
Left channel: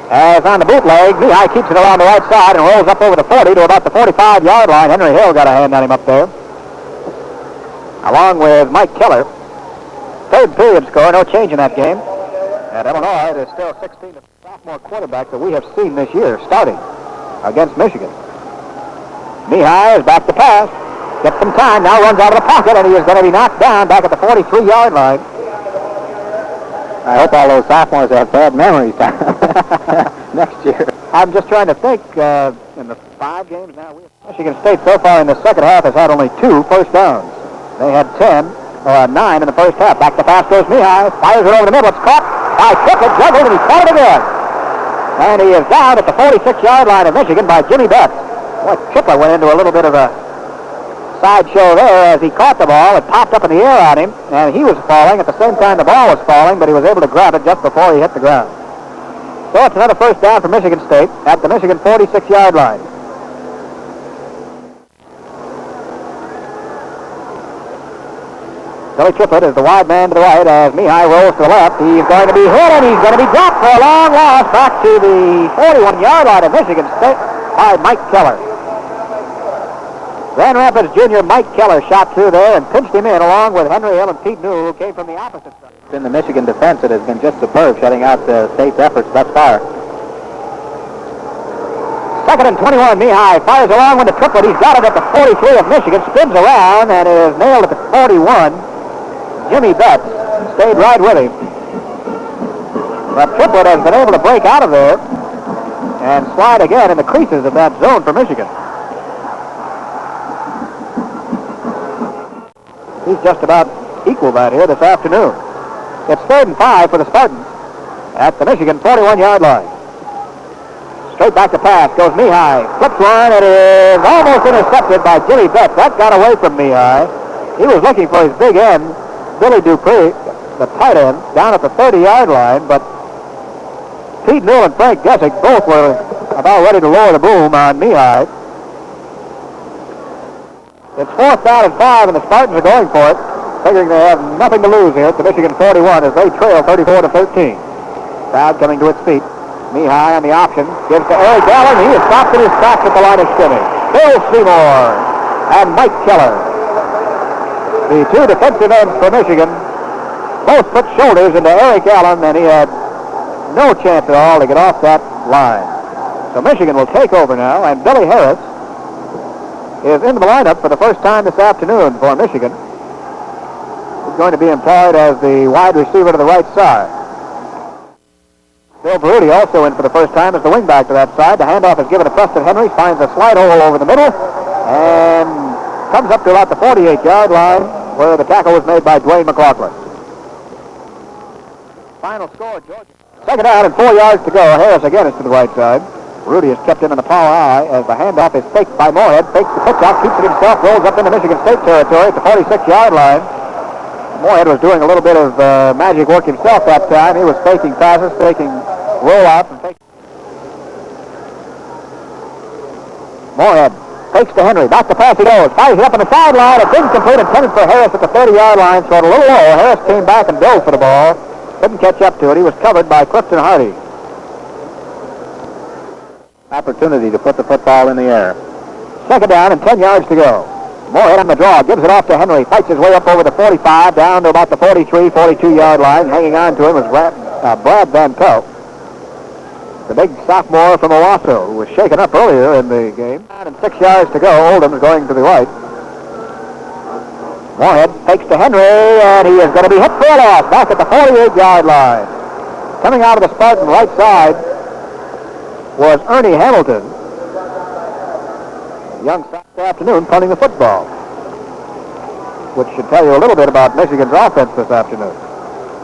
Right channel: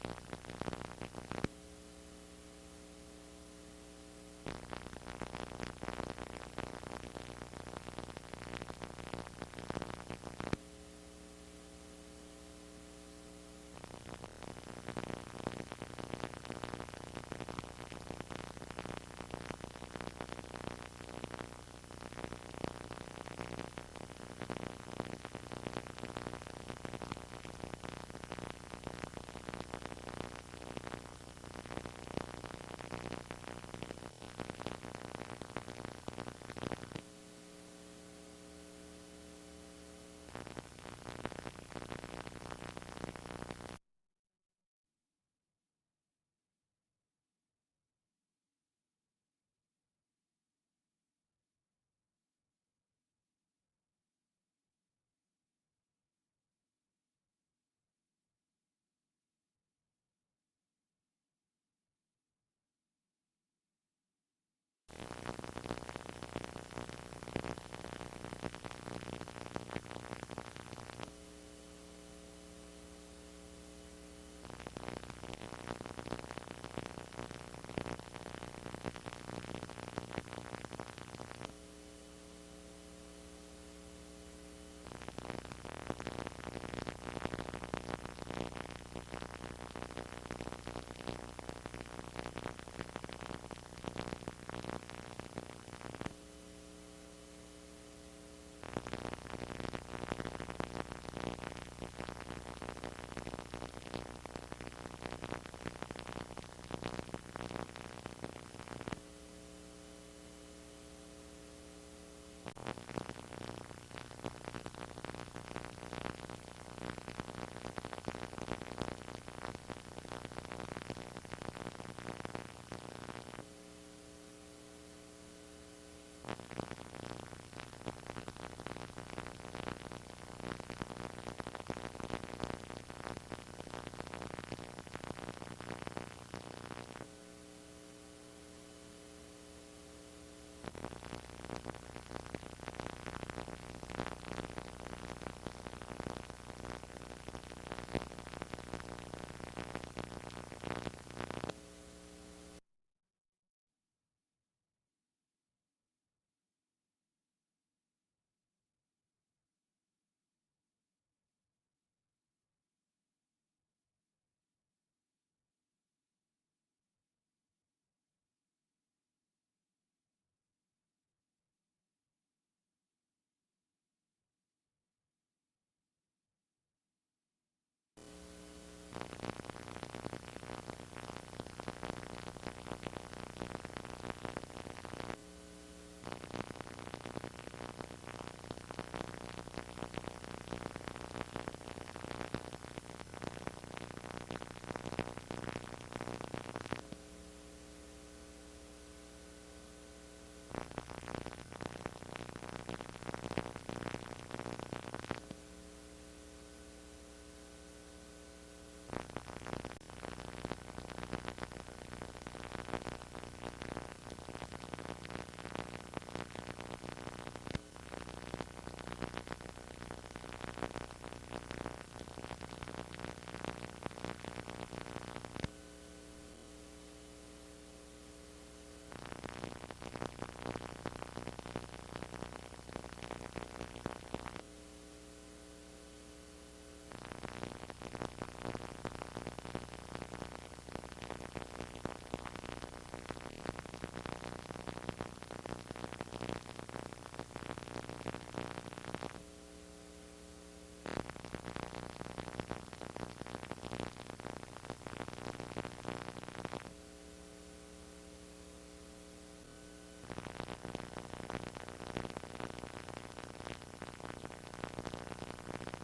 As on the bootleg, Mihai keeps it around the right side and rolls up over the 40 to about the 45-yard line. Henry Hill got a hand on him up there, along with Mike Keller. 3rd period score, no change in that game. At Illinois, it is still 16 sophomore quarterback that we have seen this year starting against Michigan. Mihai is back to pass. Gets some time, now runs out of the pocket, and he is going to be knocked down back at the 43-yard line. I hope all those sophomores have bad memories next year. I'm just trying to think, in the 5 games now, Michigan State so far in the second half has had only 2 first downs. They had 9 in the first half. Back to pass goes Mihai, fires it over the middle. It's caught by Triplett, juggled, and he caught it again. And he is down at the 46-yard line of Michigan by Jimmy Betts. Boy, Triplett went into a little bit of a sideshow there as he caught the ball. It popped up in the air on him, and he was falling at the same time the ball was falling, but he was able to grab it just before he hit the ground. So it's another 1st down for Michigan State at the Michigan 46-yard line. Billy Triplett is the wide man to the right as Mihai rolls to the left. He's going to be hit, and he's going to be dropped for a long loss back to the 41-yard line of Michigan State by Mike Keller. Grand Rapids junior Mike Keller shot through there and pinched him in along with Henry Hill and Pete Newell, who came from the opposite side. In the Michigan defense, it has been just superb, shutting out the state's efforts thus far. 2nd and 21, Mihai fires along with the Triplett. He's got it at the 43 of Michigan, spins around, and is nailed at the 41. Jimmy Betts stayed right with him. But Triplett has been able to break out of there and slide again in the creases of that zone for Michigan. He's just about equal that here this afternoon. It's 3rd and 5 for the Spartans at the Michigan 41-yard line. Straight back to pass goes Mihai. Flips one, it is almost intercepted by Jimmy Betts. That got away from Mihai. He was looking for his big end, Billy Dupree, the tight end, down at the 30-yard line, but Pete Newell and Frank Gessick both were about ready to lower the boom on Mihai. It's 4th down and 5, and the Spartans are going for it, figuring they have nothing to lose here at the Michigan 41 as they trail 34-13. Crowd coming to its feet. Mihai on the option, gives to Eric Allen. He is stopped in his tracks at the line of scrimmage. Bill Seymour and Mike Keller, the 2 defensive ends for Michigan, both put shoulders into Eric Allen, and he had no chance at all to get off that line. So Michigan will take over now, and Billy Harris is in the lineup for the first time this afternoon for Michigan. He's going to be employed as the wide receiver to the right side. Bill Baruti also in for the first time as the wingback to that side. The handoff is given to Preston Henry. Finds a slide hole over the middle and comes up to about the 48-yard line where the tackle was made by Dwayne McLaughlin. Final score, George. Second down and 4 yards to go. Harris again is to the right side. Rudy is kept in the power eye as the handoff is faked by Moorhead. Fakes the pitch out, keeps it himself, rolls up into Michigan State territory at the 46-yard line. Moorhead was doing a little bit of magic work himself that time. He was faking passes, faking rollouts, and faking. Moorhead fakes to Henry. Back to pass he goes. Fires it up on the sideline. It's incomplete, intended for Harris at the 30-yard line. Thrown a little low. Harris came back and dove for the ball. Couldn't catch up to it. He was covered by Clifton Hardy. Opportunity to put the football in the air. Second down and 10 yards to go. Moorhead on the draw. Gives it off to Henry. Fights his way up over the 45, down to about the 43, 42-yard line. Hanging on to him was Brad Van Pelt, the big sophomore from Owasso, who was shaken up earlier in the game. And 6 yards to go. Oldham is going to the right. Moorhead takes to Henry, and he is going to be hit for a loss back at the 48-yard line. Coming out of the Spartan right side was Ernie Hamilton. Young Saturday afternoon punting the football, which should tell you a little bit about Michigan's offense this afternoon.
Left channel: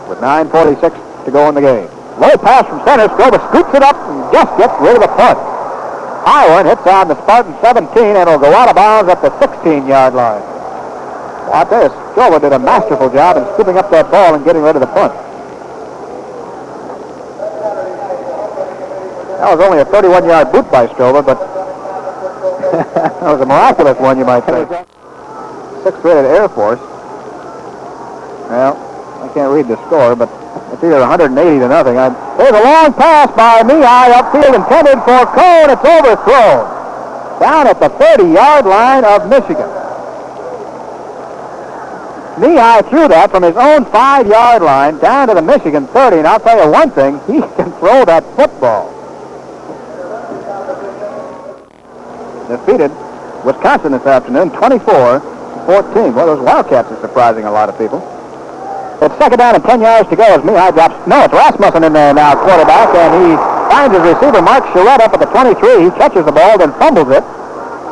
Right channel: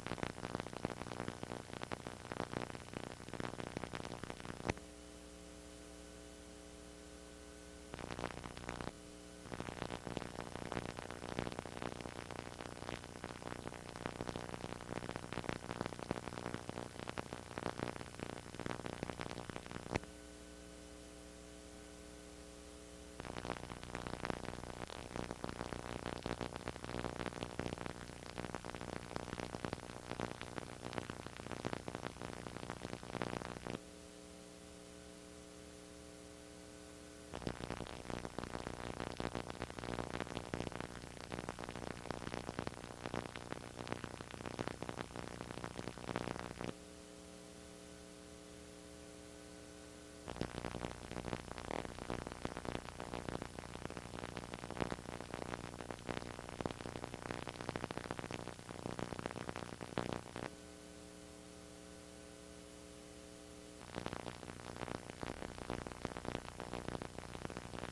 With 9:46 to go in the game. Low pass from center. Stroba scoops it up and just gets rid of the punt. High one hits on the Spartan 17 and will go out of bounds at the 16-yard line. Watch this. Stroba did a masterful job in scooping up that ball and getting rid of the punt. That was only a 31-yard boot by Stroba, but that was a miraculous one, you might say. Sixth-rated Air Force. Well, I can't read the score, but it's either 180 to nothing. There's a long pass by Mihai upfield intended for Cone. It's overthrown down at the 30-yard line of Michigan. Mihai threw that from his own 5-yard line down to the Michigan 30, and I'll tell you one thing, he can throw that football. Defeated Wisconsin this afternoon, 24-14. Well, those Wildcats are surprising a lot of people. It's second down and 10 yards to go as Mihai drops. No, it's Rasmussen in there now, quarterback, and he finds his receiver, Mark Charette, up at the 23. He catches the ball, then fumbles it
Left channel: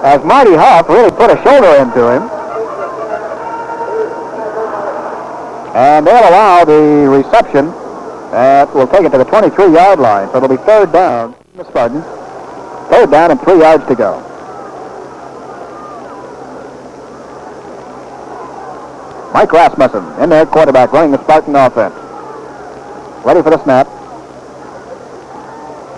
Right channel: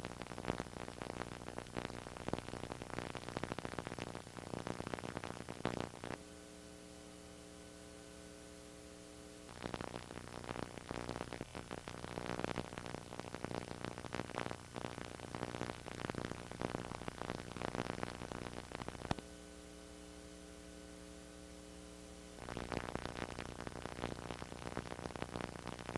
as Marty Huff really put a shoulder into him. And they'll allow the reception. We'll take it to the 23-yard line, so it'll be third down. The Spartans. Third down and 3 yards to go. Mike Rasmussen in there, quarterback, running the Spartan offense. Ready for the snap.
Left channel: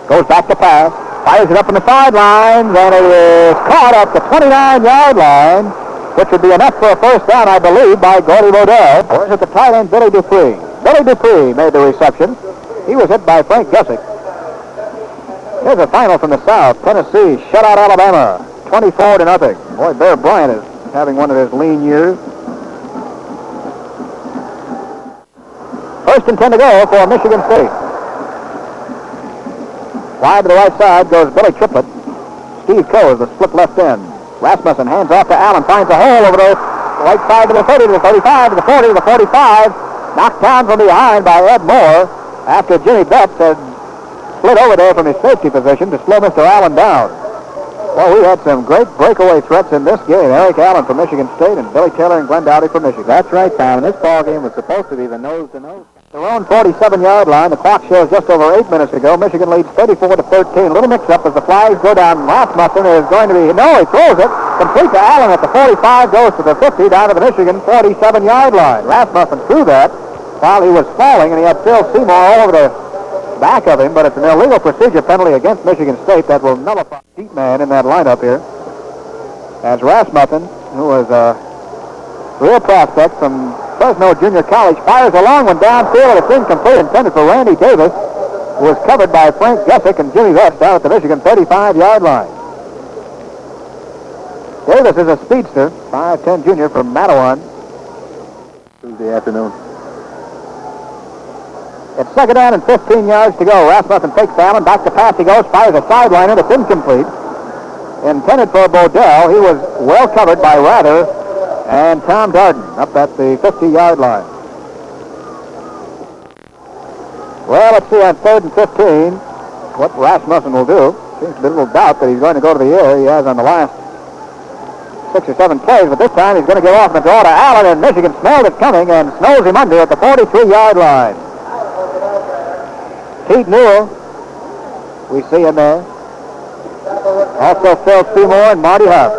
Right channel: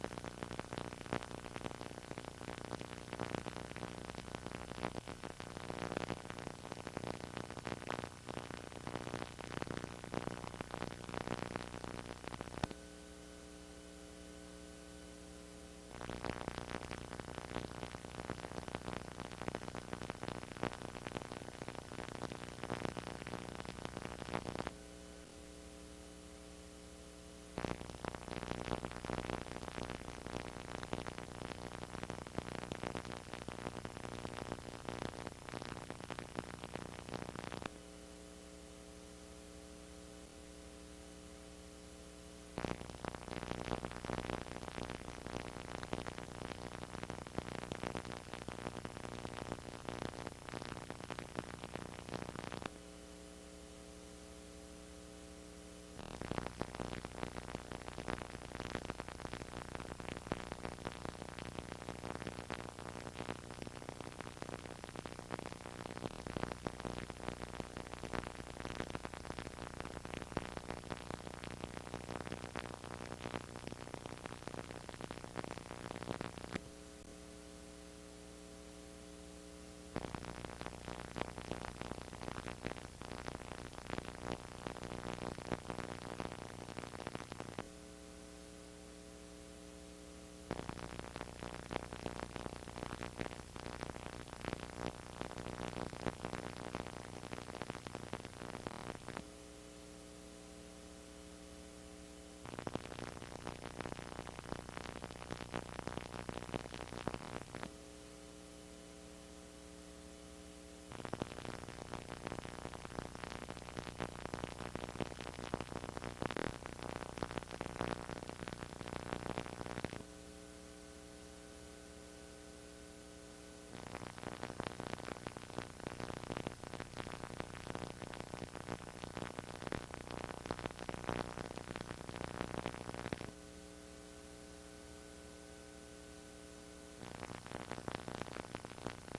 Goes back to pass. Fires it up in the sidelines, and it is caught at the 29-yard line, which would be enough for a first down, I believe, by Gordy Bodell. Or is it the tight end, Billy Dupree? Billy Dupree made the reception. He was hit by Frank Gussick. Here's a final from the South. Tennessee shut out Alabama, 24-0. Boy, Bear Bryant is having one of his lean years. First and 10 to go for Michigan State. Wide to the right side goes Billy Triplett. Steve Coe is the split left end. Rasmussen hands off to Allen, finds a hole over the right side to the 30, to the 35, to the 40, to the 45. Knocked down from behind by Ed Moore after Jimmy Betts had slid over there from his safety position to slow Mr. Allen down. Well, we had some great breakaway threats in this game. Eric Allen from Michigan State and Billy Taylor and Glenn Dowdy from Michigan. That's right, Tom. And this ball game was supposed to be the nose-to-nose. Their own 47-yard line. The clock shows just over 8 minutes to go. Michigan leads 34-13. A little mix-up as the flags go down. Rasmussen is going to be... No, he throws it. Complete to Allen at the 45. Goes to the 50 down to the Michigan 47-yard line. Rasmussen threw that while he was falling, and he had Phil Seymour all over the back of him, but it's an illegal procedure penalty against Michigan State that will nullify the deep man in that lineup here. As Rasmussen, who was a real prospect from Fresno Junior College, fires a long one downfield, and it's incomplete, intended for Randy Davis, who was covered by Frank Gussick and Jimmy Vest down at the Michigan 35-yard line. Davis is a speedster, 5'10" junior from Mattawan. Tuesday afternoon. It's second down and 15 yards to go. Rasmussen takes Allen, back to pass he goes, fires a sideliner that's incomplete. Intended for Bodell. He was well covered by Rather and Tom Darden up at the 50-yard line. Well, let's see on 3rd and 15 what Rasmussen will do. Seems to be a little doubt that he's going to go to the air. He has on the last 6 or 7 plays, but this time he's going to give off the draw to Allen, and Michigan smelled it coming and snows him under at the 43-yard line. Pete Newell, we see him there. Also Phil Seymour and Marty Huff.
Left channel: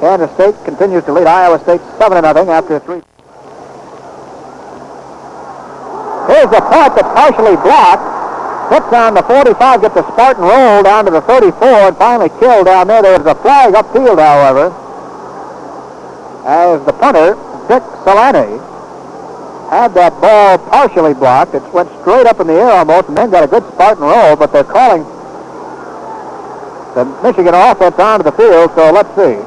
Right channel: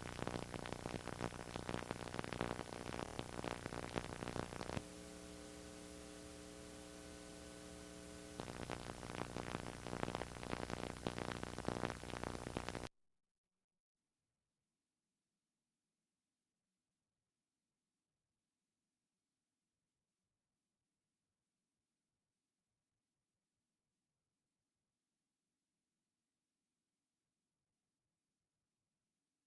Kansas State continues to lead Iowa State 7-0 after 3. Here's the punt that's partially blocked. Hits on the 45, gets the Spartan roll down to the 34, and finally killed down there. There was a flag upfield, however, as the punter, Dick Solani, had that ball partially blocked. It went straight up in the air almost, and then got a good Spartan roll, but they're calling the Michigan offense onto the field, so let's see.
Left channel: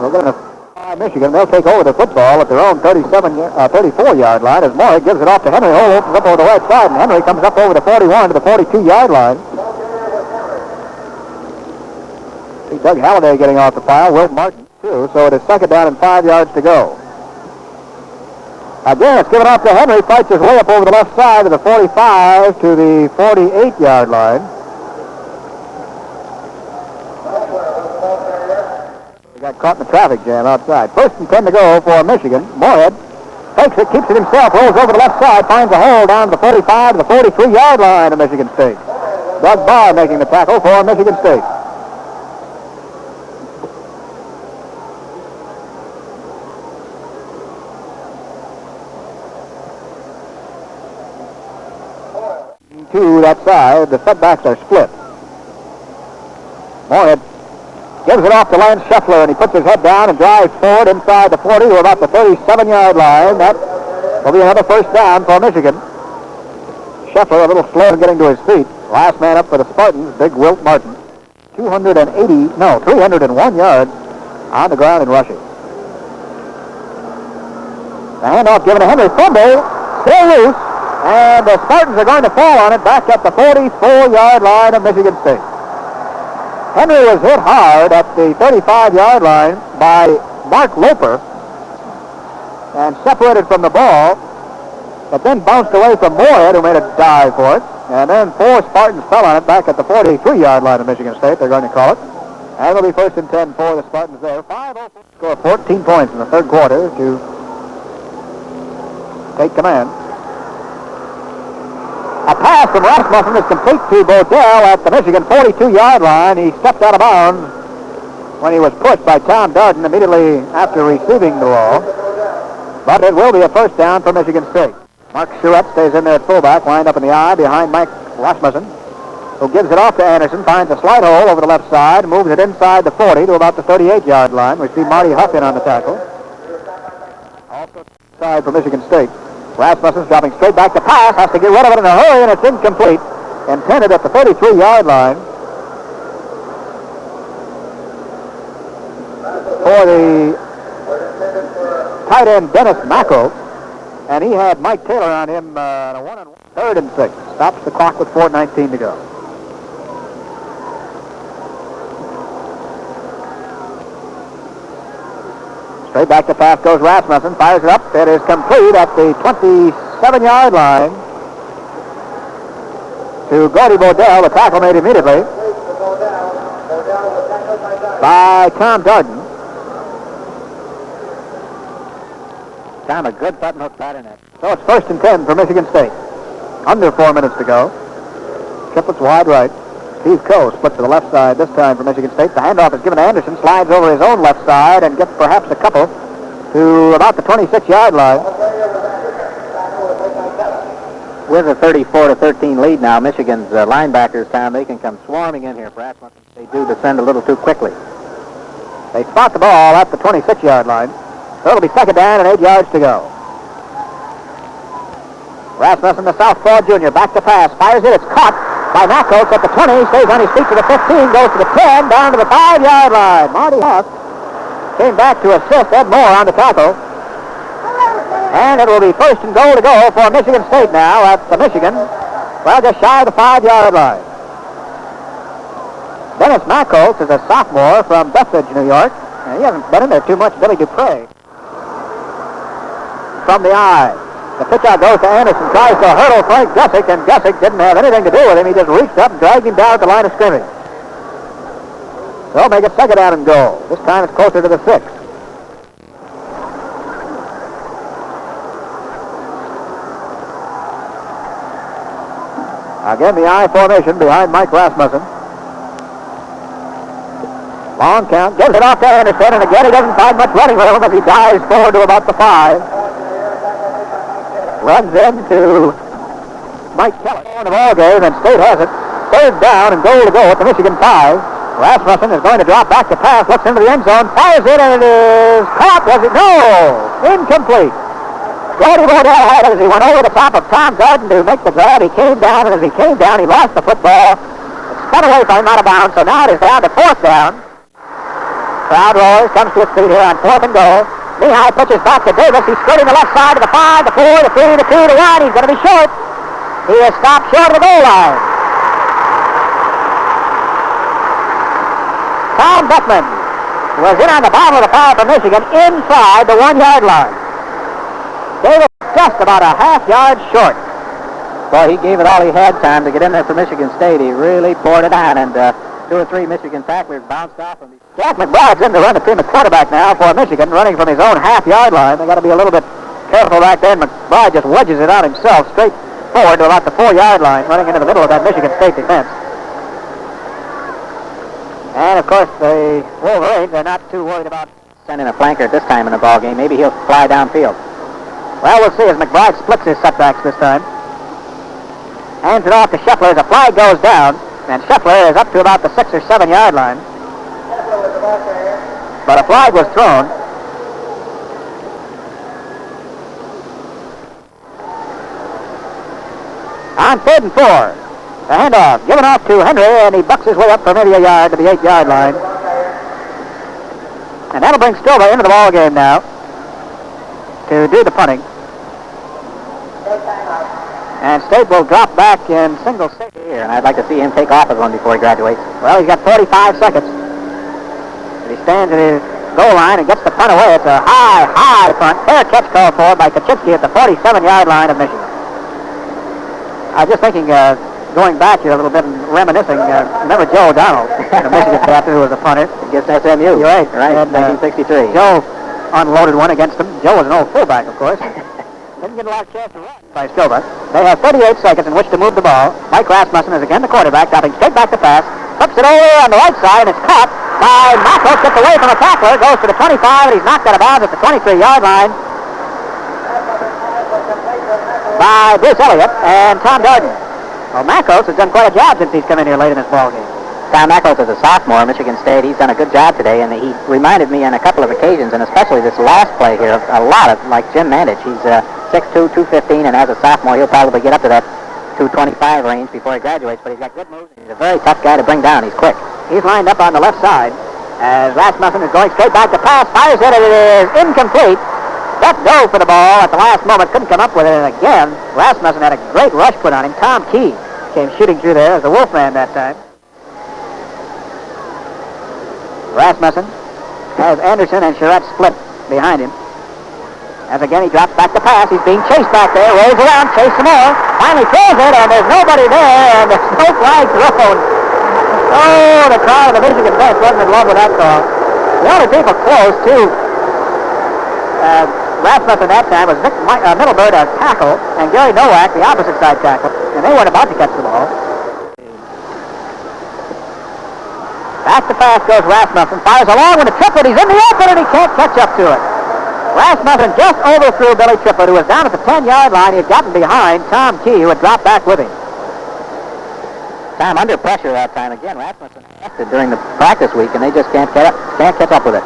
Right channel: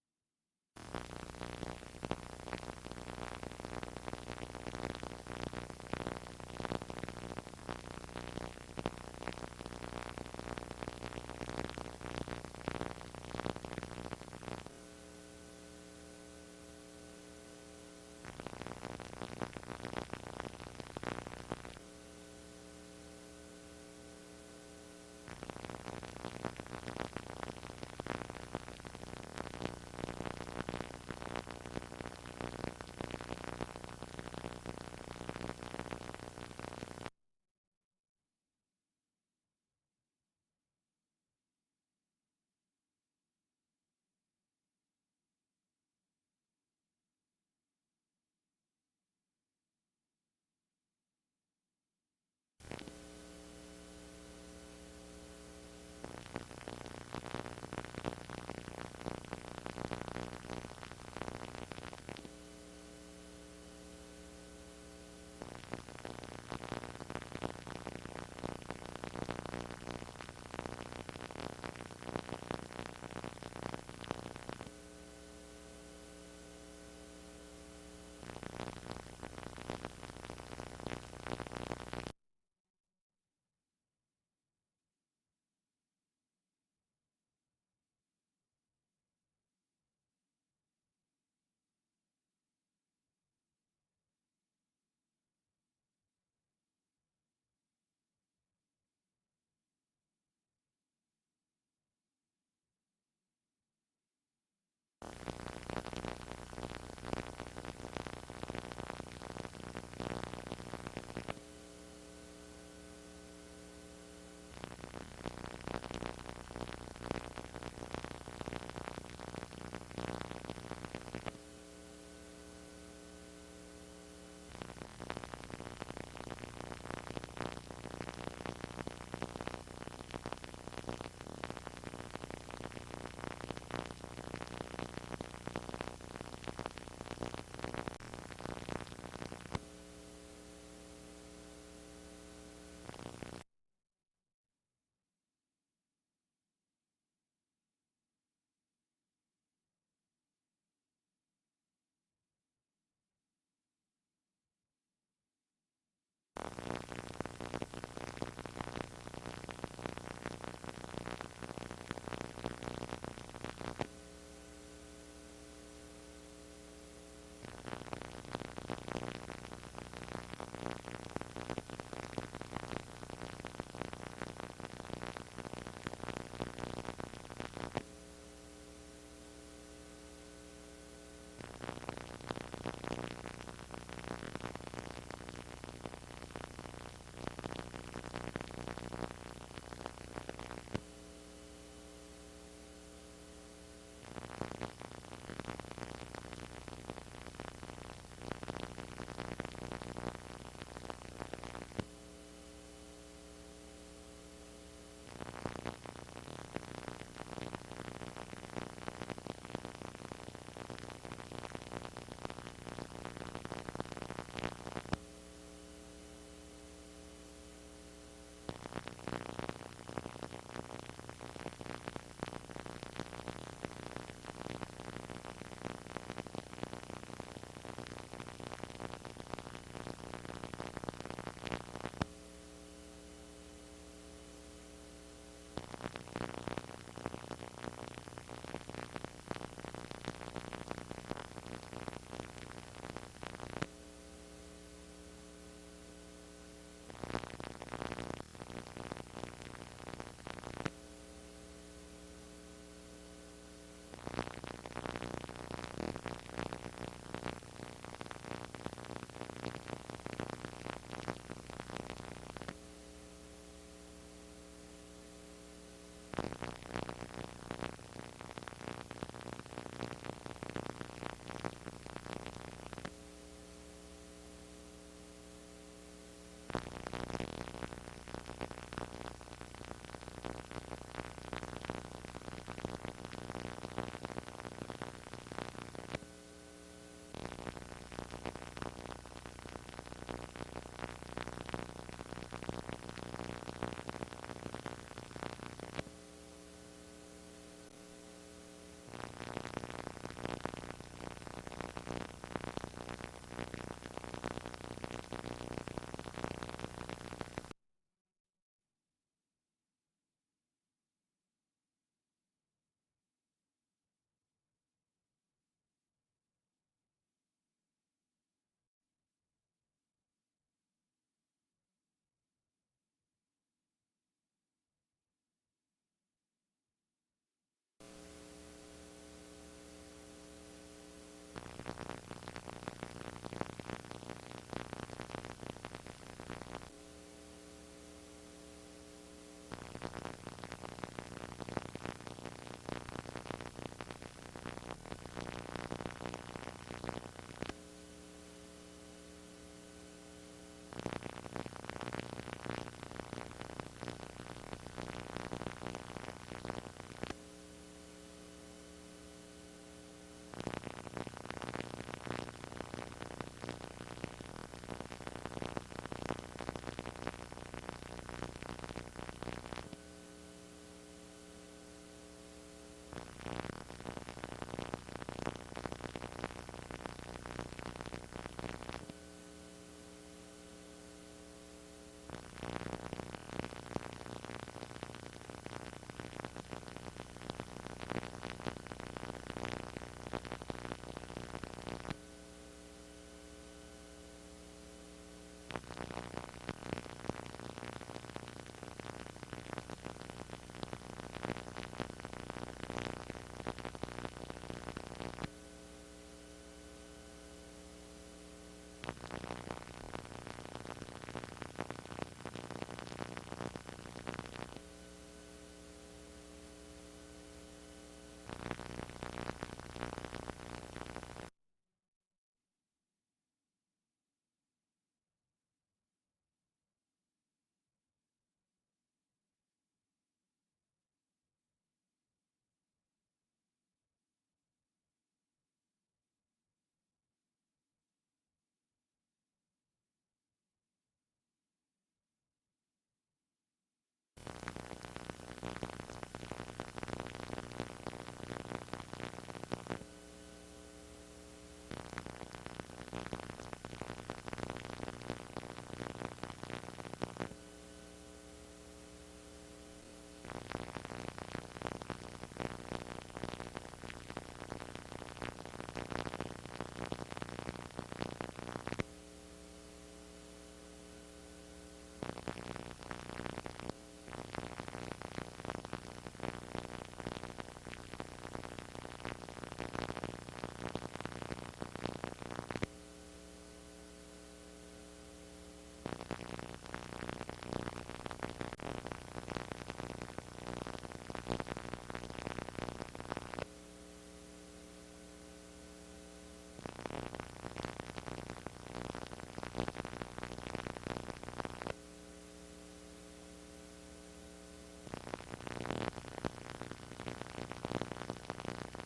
We're going to Michigan. They'll take over the football at their own 34-yard line as Moore gives it off to Henry. Hole opens up over the right side, and Henry comes up over the 41 to the 42-yard line. See Doug Halliday getting off the pile. Will Martin, too. So it is 2nd down and 5 yards to go. Again, it's given off to Henry. Fights his way up over the left side to the 45 to the 48-yard line. Got caught in the traffic jam outside. 1st and 10 to go for Michigan. Moorhead takes it, keeps it himself, rolls over the left side, finds a hole down to the 45 to the 43-yard line of Michigan State. Doug Barr making the tackle for Michigan State. To that side, the setbacks are split. Moorhead gives it off to Lance Schembechler, and he puts his head down and drives forward inside the 40 to about the 37-yard line. That will be another 1st down for Michigan. Schembechler a little slow in getting to his feet. Last man up for the Spartans, big Wilt Martin. 301 yards on the ground and rushing. The handoff given to Henry. Fumble, still loose, and the Spartans are going to fall on it back at the 44-yard line of Michigan State. Henry was hit hard at the 35-yard line by Mark Loper and separated from the ball, but then bounced away from Moorhead, who made a dive for it. And then 4 Spartans fell on it back at the 43-yard line of Michigan State, they're going to call it. And it'll be 1st and 10 for the Spartans there. 5-0. Score 14 points in the 3rd quarter to take command. A pass from Rasmussen is complete to Bodell at the Michigan 42-yard line. He stepped out of bounds when he was pushed by Tom Darden immediately after receiving the ball. But it will be a 1st down for Michigan State. Mark Surratt stays in there at fullback, lined up in the I behind Mike Rasmussen, who gives it off to Anderson, finds a slide hole over the left side, moves it inside the 40 to about the 38-yard line. We see Marty Huff in on the tackle. Also side for Michigan State. Rasmussen's dropping straight back to pass, has to get rid of it in a hurry, and it's incomplete. Intended at the 33-yard line for the tight end Dennis Mackel, and he had Mike Taylor on him on a 1-on-1. 3rd and 6. Stops the clock with 4:19 to go. Straight back to pass goes Rasmussen, fires it up. It is complete at the 27-yard line to Gordy Bodell. The tackle made immediately by Tom Darden. Time a good button hook pattern in. So it's 1st and 10 for Michigan State. Under 4 minutes to go. Triplets wide right. Steve Coe splits to the left side this time for Michigan State. The handoff is given to Anderson, slides over his own left side and gets perhaps a couple to about the 26-yard line. With a 34-13 lead now, Michigan's linebackers, Tom, they can come swarming in here. Perhaps they do descend a little too quickly. They spot the ball at the 26-yard line. So it'll be 2nd down and 8 yards to go. Rasmussen, the southpaw junior, back to pass, fires it. It's caught by Knuckles at the 20, stays on his feet to the 15, goes to the 10, down to the 5-yard line. Marty Huff came back to assist Ed Moore on the tackle. And it will be 1st and goal to go for Michigan State now at the Michigan, well, just shy of the 5-yard line. Dennis Knuckles is a sophomore from Bethpage, New York, and he hasn't been in there too much. Billy Dupre. from the eye. The pitch out goes to Anderson, tries to hurdle Frank Gussick, and Gussick didn't have anything to do with him. He just reached up and dragged him down at the line of scrimmage. They'll make it second down and goal. This time it's closer to the 6. Again, the I formation behind Mike Rasmussen. Long count, gives it off to Anderson, and again he doesn't find much running room as he dives forward to about the 5. Runs into Mike Kelly in the ball game, and State has it. Third down and goal to go at the Michigan 5. Rasmussen is going to drop back to pass, looks into the end zone, fires it, and it is caught. Was it? No! Incomplete. Brody Bodell had it as he went over the top of Tom Garden to make the grab. He came down, and as he came down, he lost the football. It's cut away from him out of bounds, so now it is down to 4th down. Crowd roars, comes to its feet here on 4th and goal. Lehigh pitches back to Davis. He's skirting the left side to the 5, the 4, the 3, the 2, the 1. He's going to be short. He is stopped short of the goal line. Tom Beckman was in on the bottom of the foul for Michigan inside the 1-yard line. Davis just about a half yard short. Boy, he gave it all he had time to get in there for Michigan State. He really poured it on, and 2 or 3 Michigan tacklers bounced off him. Jack McBride's in to run the team at quarterback now for Michigan, running from his own half-yard line. They got to be a little bit careful back there. McBride just wedges it out himself straight forward to about the 4-yard line, running into the middle of that Michigan State defense. And, of course, the Wolverines are not too worried about sending a flanker at this time in the ball game. Maybe he'll fly downfield. Well, we'll see as McBride splits his setbacks this time. Hands it off to Schembechler as a flag goes down, and Schembechler is up to about the 6 or 7 yard line. But a flag was thrown. On 3rd and 4. The handoff given off to Henry, and he bucks his way up for maybe a yard to the 8-yard line. And that'll bring Stilba into the ball game now to do the punting. And State will drop back in single safety here, and I'd like to see him take off as one before he graduates. Well, he's got 45 seconds. He stands at his goal line and gets the punt away. It's a high punt. Fair catch called for by Kaczynski at the 47-yard line of Michigan. I was just thinking, going back here a little bit and reminiscing, remember Joe O'Donnell, the Michigan captain who was a punter? Against SMU. You're right. And, 1963. Joe unloaded one against him. Joe was an old fullback, of course. Didn't get a lot of chance to run by Stilba. They have 38 seconds in which to move the ball. Mike Rasmussen is again the quarterback, dropping straight back to pass. Flips it over on the right side, and it's caught by Macos. Gets away from a tackler, goes to the 25, and he's knocked out of bounds at the 23-yard line by Bruce Elliott and Tom Darden. Well, Macos has done quite a job since he's come in here late in this ball game. Tom Macos is a sophomore at Michigan State. He's done a good job today, and he reminded me on a couple of occasions, and especially this last play here, a lot of, like Jim Mandich. He's 6'2", 215, and as a sophomore, he'll probably get up to that 225 range before he graduates, but he's got good moves. He's a very tough guy to bring down. He's quick. He's lined up on the left side as Rasmussen is going straight back to pass. Fires it, and it is incomplete. Let go for the ball at the last moment. Couldn't come up with it, and again, Rasmussen had a great rush put on him. Tom Key came shooting through there as the Wolfman that time. Rasmussen has Anderson and Charette split behind him. As again he drops back to pass. He's being chased back there. Rolls around, chase some more. Finally throws it, and there's nobody there, and there's no flag thrown. Oh, the crowd of the Michigan bench wasn't in love with that call. The only people close to Rasmussen that time was Vic Middleburg, a tackle, and Gary Nowak, the opposite side tackle, and they weren't about to catch the ball. Back to pass goes Rasmussen. Fires along with a triplet. He's in the open, and he can't catch up to it. Rasmussen just overthrew Billy Triplett, who was down at the 10-yard line. He had gotten behind Tom Key, who had dropped back with him. Tom under pressure that time. Again, Rasmussen tested during the practice week, and they just can't catch up with it.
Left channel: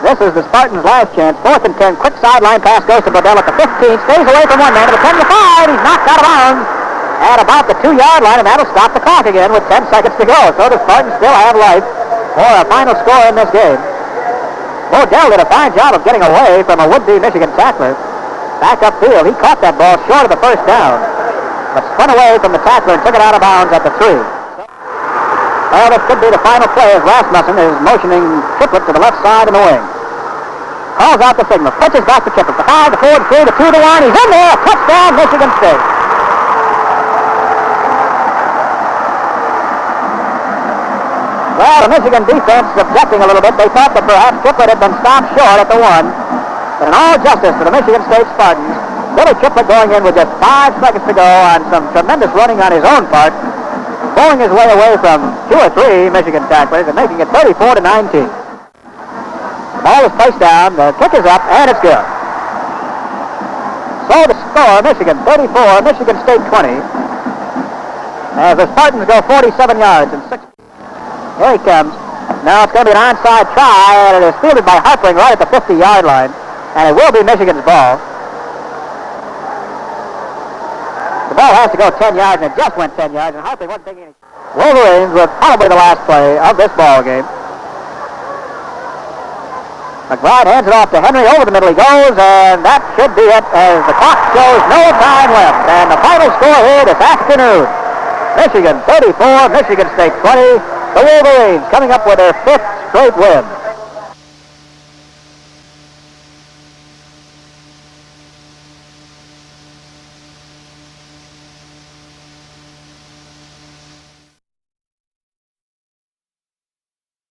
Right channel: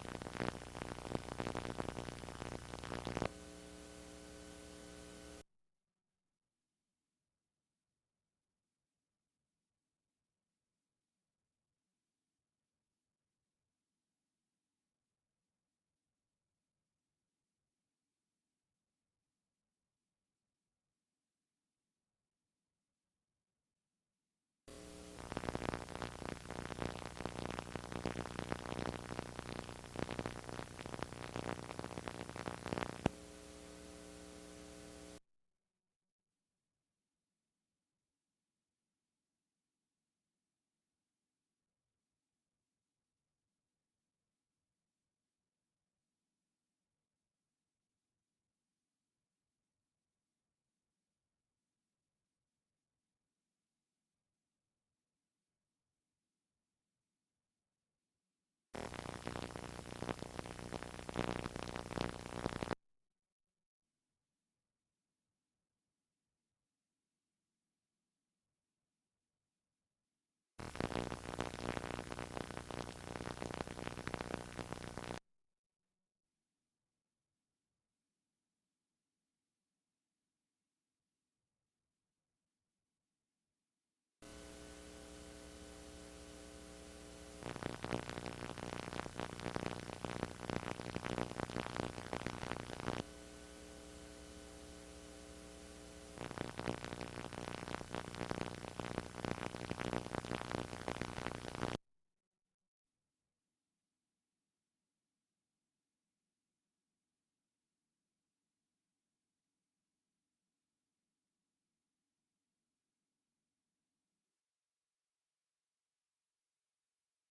This is the Spartans' last chance. 4th and 10. Quick sideline pass goes to Bodell at the 15. Stays away from one man to the 10 to 5. He's knocked out of bounds at about the 2-yard line, and that'll stop the clock again with 10 seconds to go. So the Spartans still have life for a final score in this game. Bodell did a fine job of getting away from a would-be Michigan tackler. Back upfield, he caught that ball short of the first down, but spun away from the tackler and took it out of bounds at the 3. Well, this could be the final play as Rasmussen is motioning Triplett to the left side in the wing. calls out the signal, pitches back to Kipper. The 5, the 4, the 3, the 2, the 1. He's in there. Touchdown, Michigan State. Well, the Michigan defense objecting a little bit. They thought that perhaps Kipper had been stopped short at the 1. But in all justice to the Michigan State Spartans, Billy Kipper going in with just 5 seconds to go on some tremendous running on his own part, pulling his way away from 2 or 3 Michigan tacklers and making it 34-19. The ball is placed down, the kick is up, and it's good. So the score, Michigan 34, Michigan State 20. As the Spartans go 47 yards and 6. Here he comes. Now it's going to be an onside try, and it is fielded by Harpering right at the 50-yard line, and it will be Michigan's ball. The ball has to go 10 yards, and it just went 10 yards, and Harpering wasn't taking any. Wolverines with probably the last play of this ball game. McBride hands it off to Henry. Over the middle he goes, and that should be it as the clock shows no time left. And the final score here this afternoon, Michigan 34, Michigan State 20. The Wolverines coming up with their 5th straight win.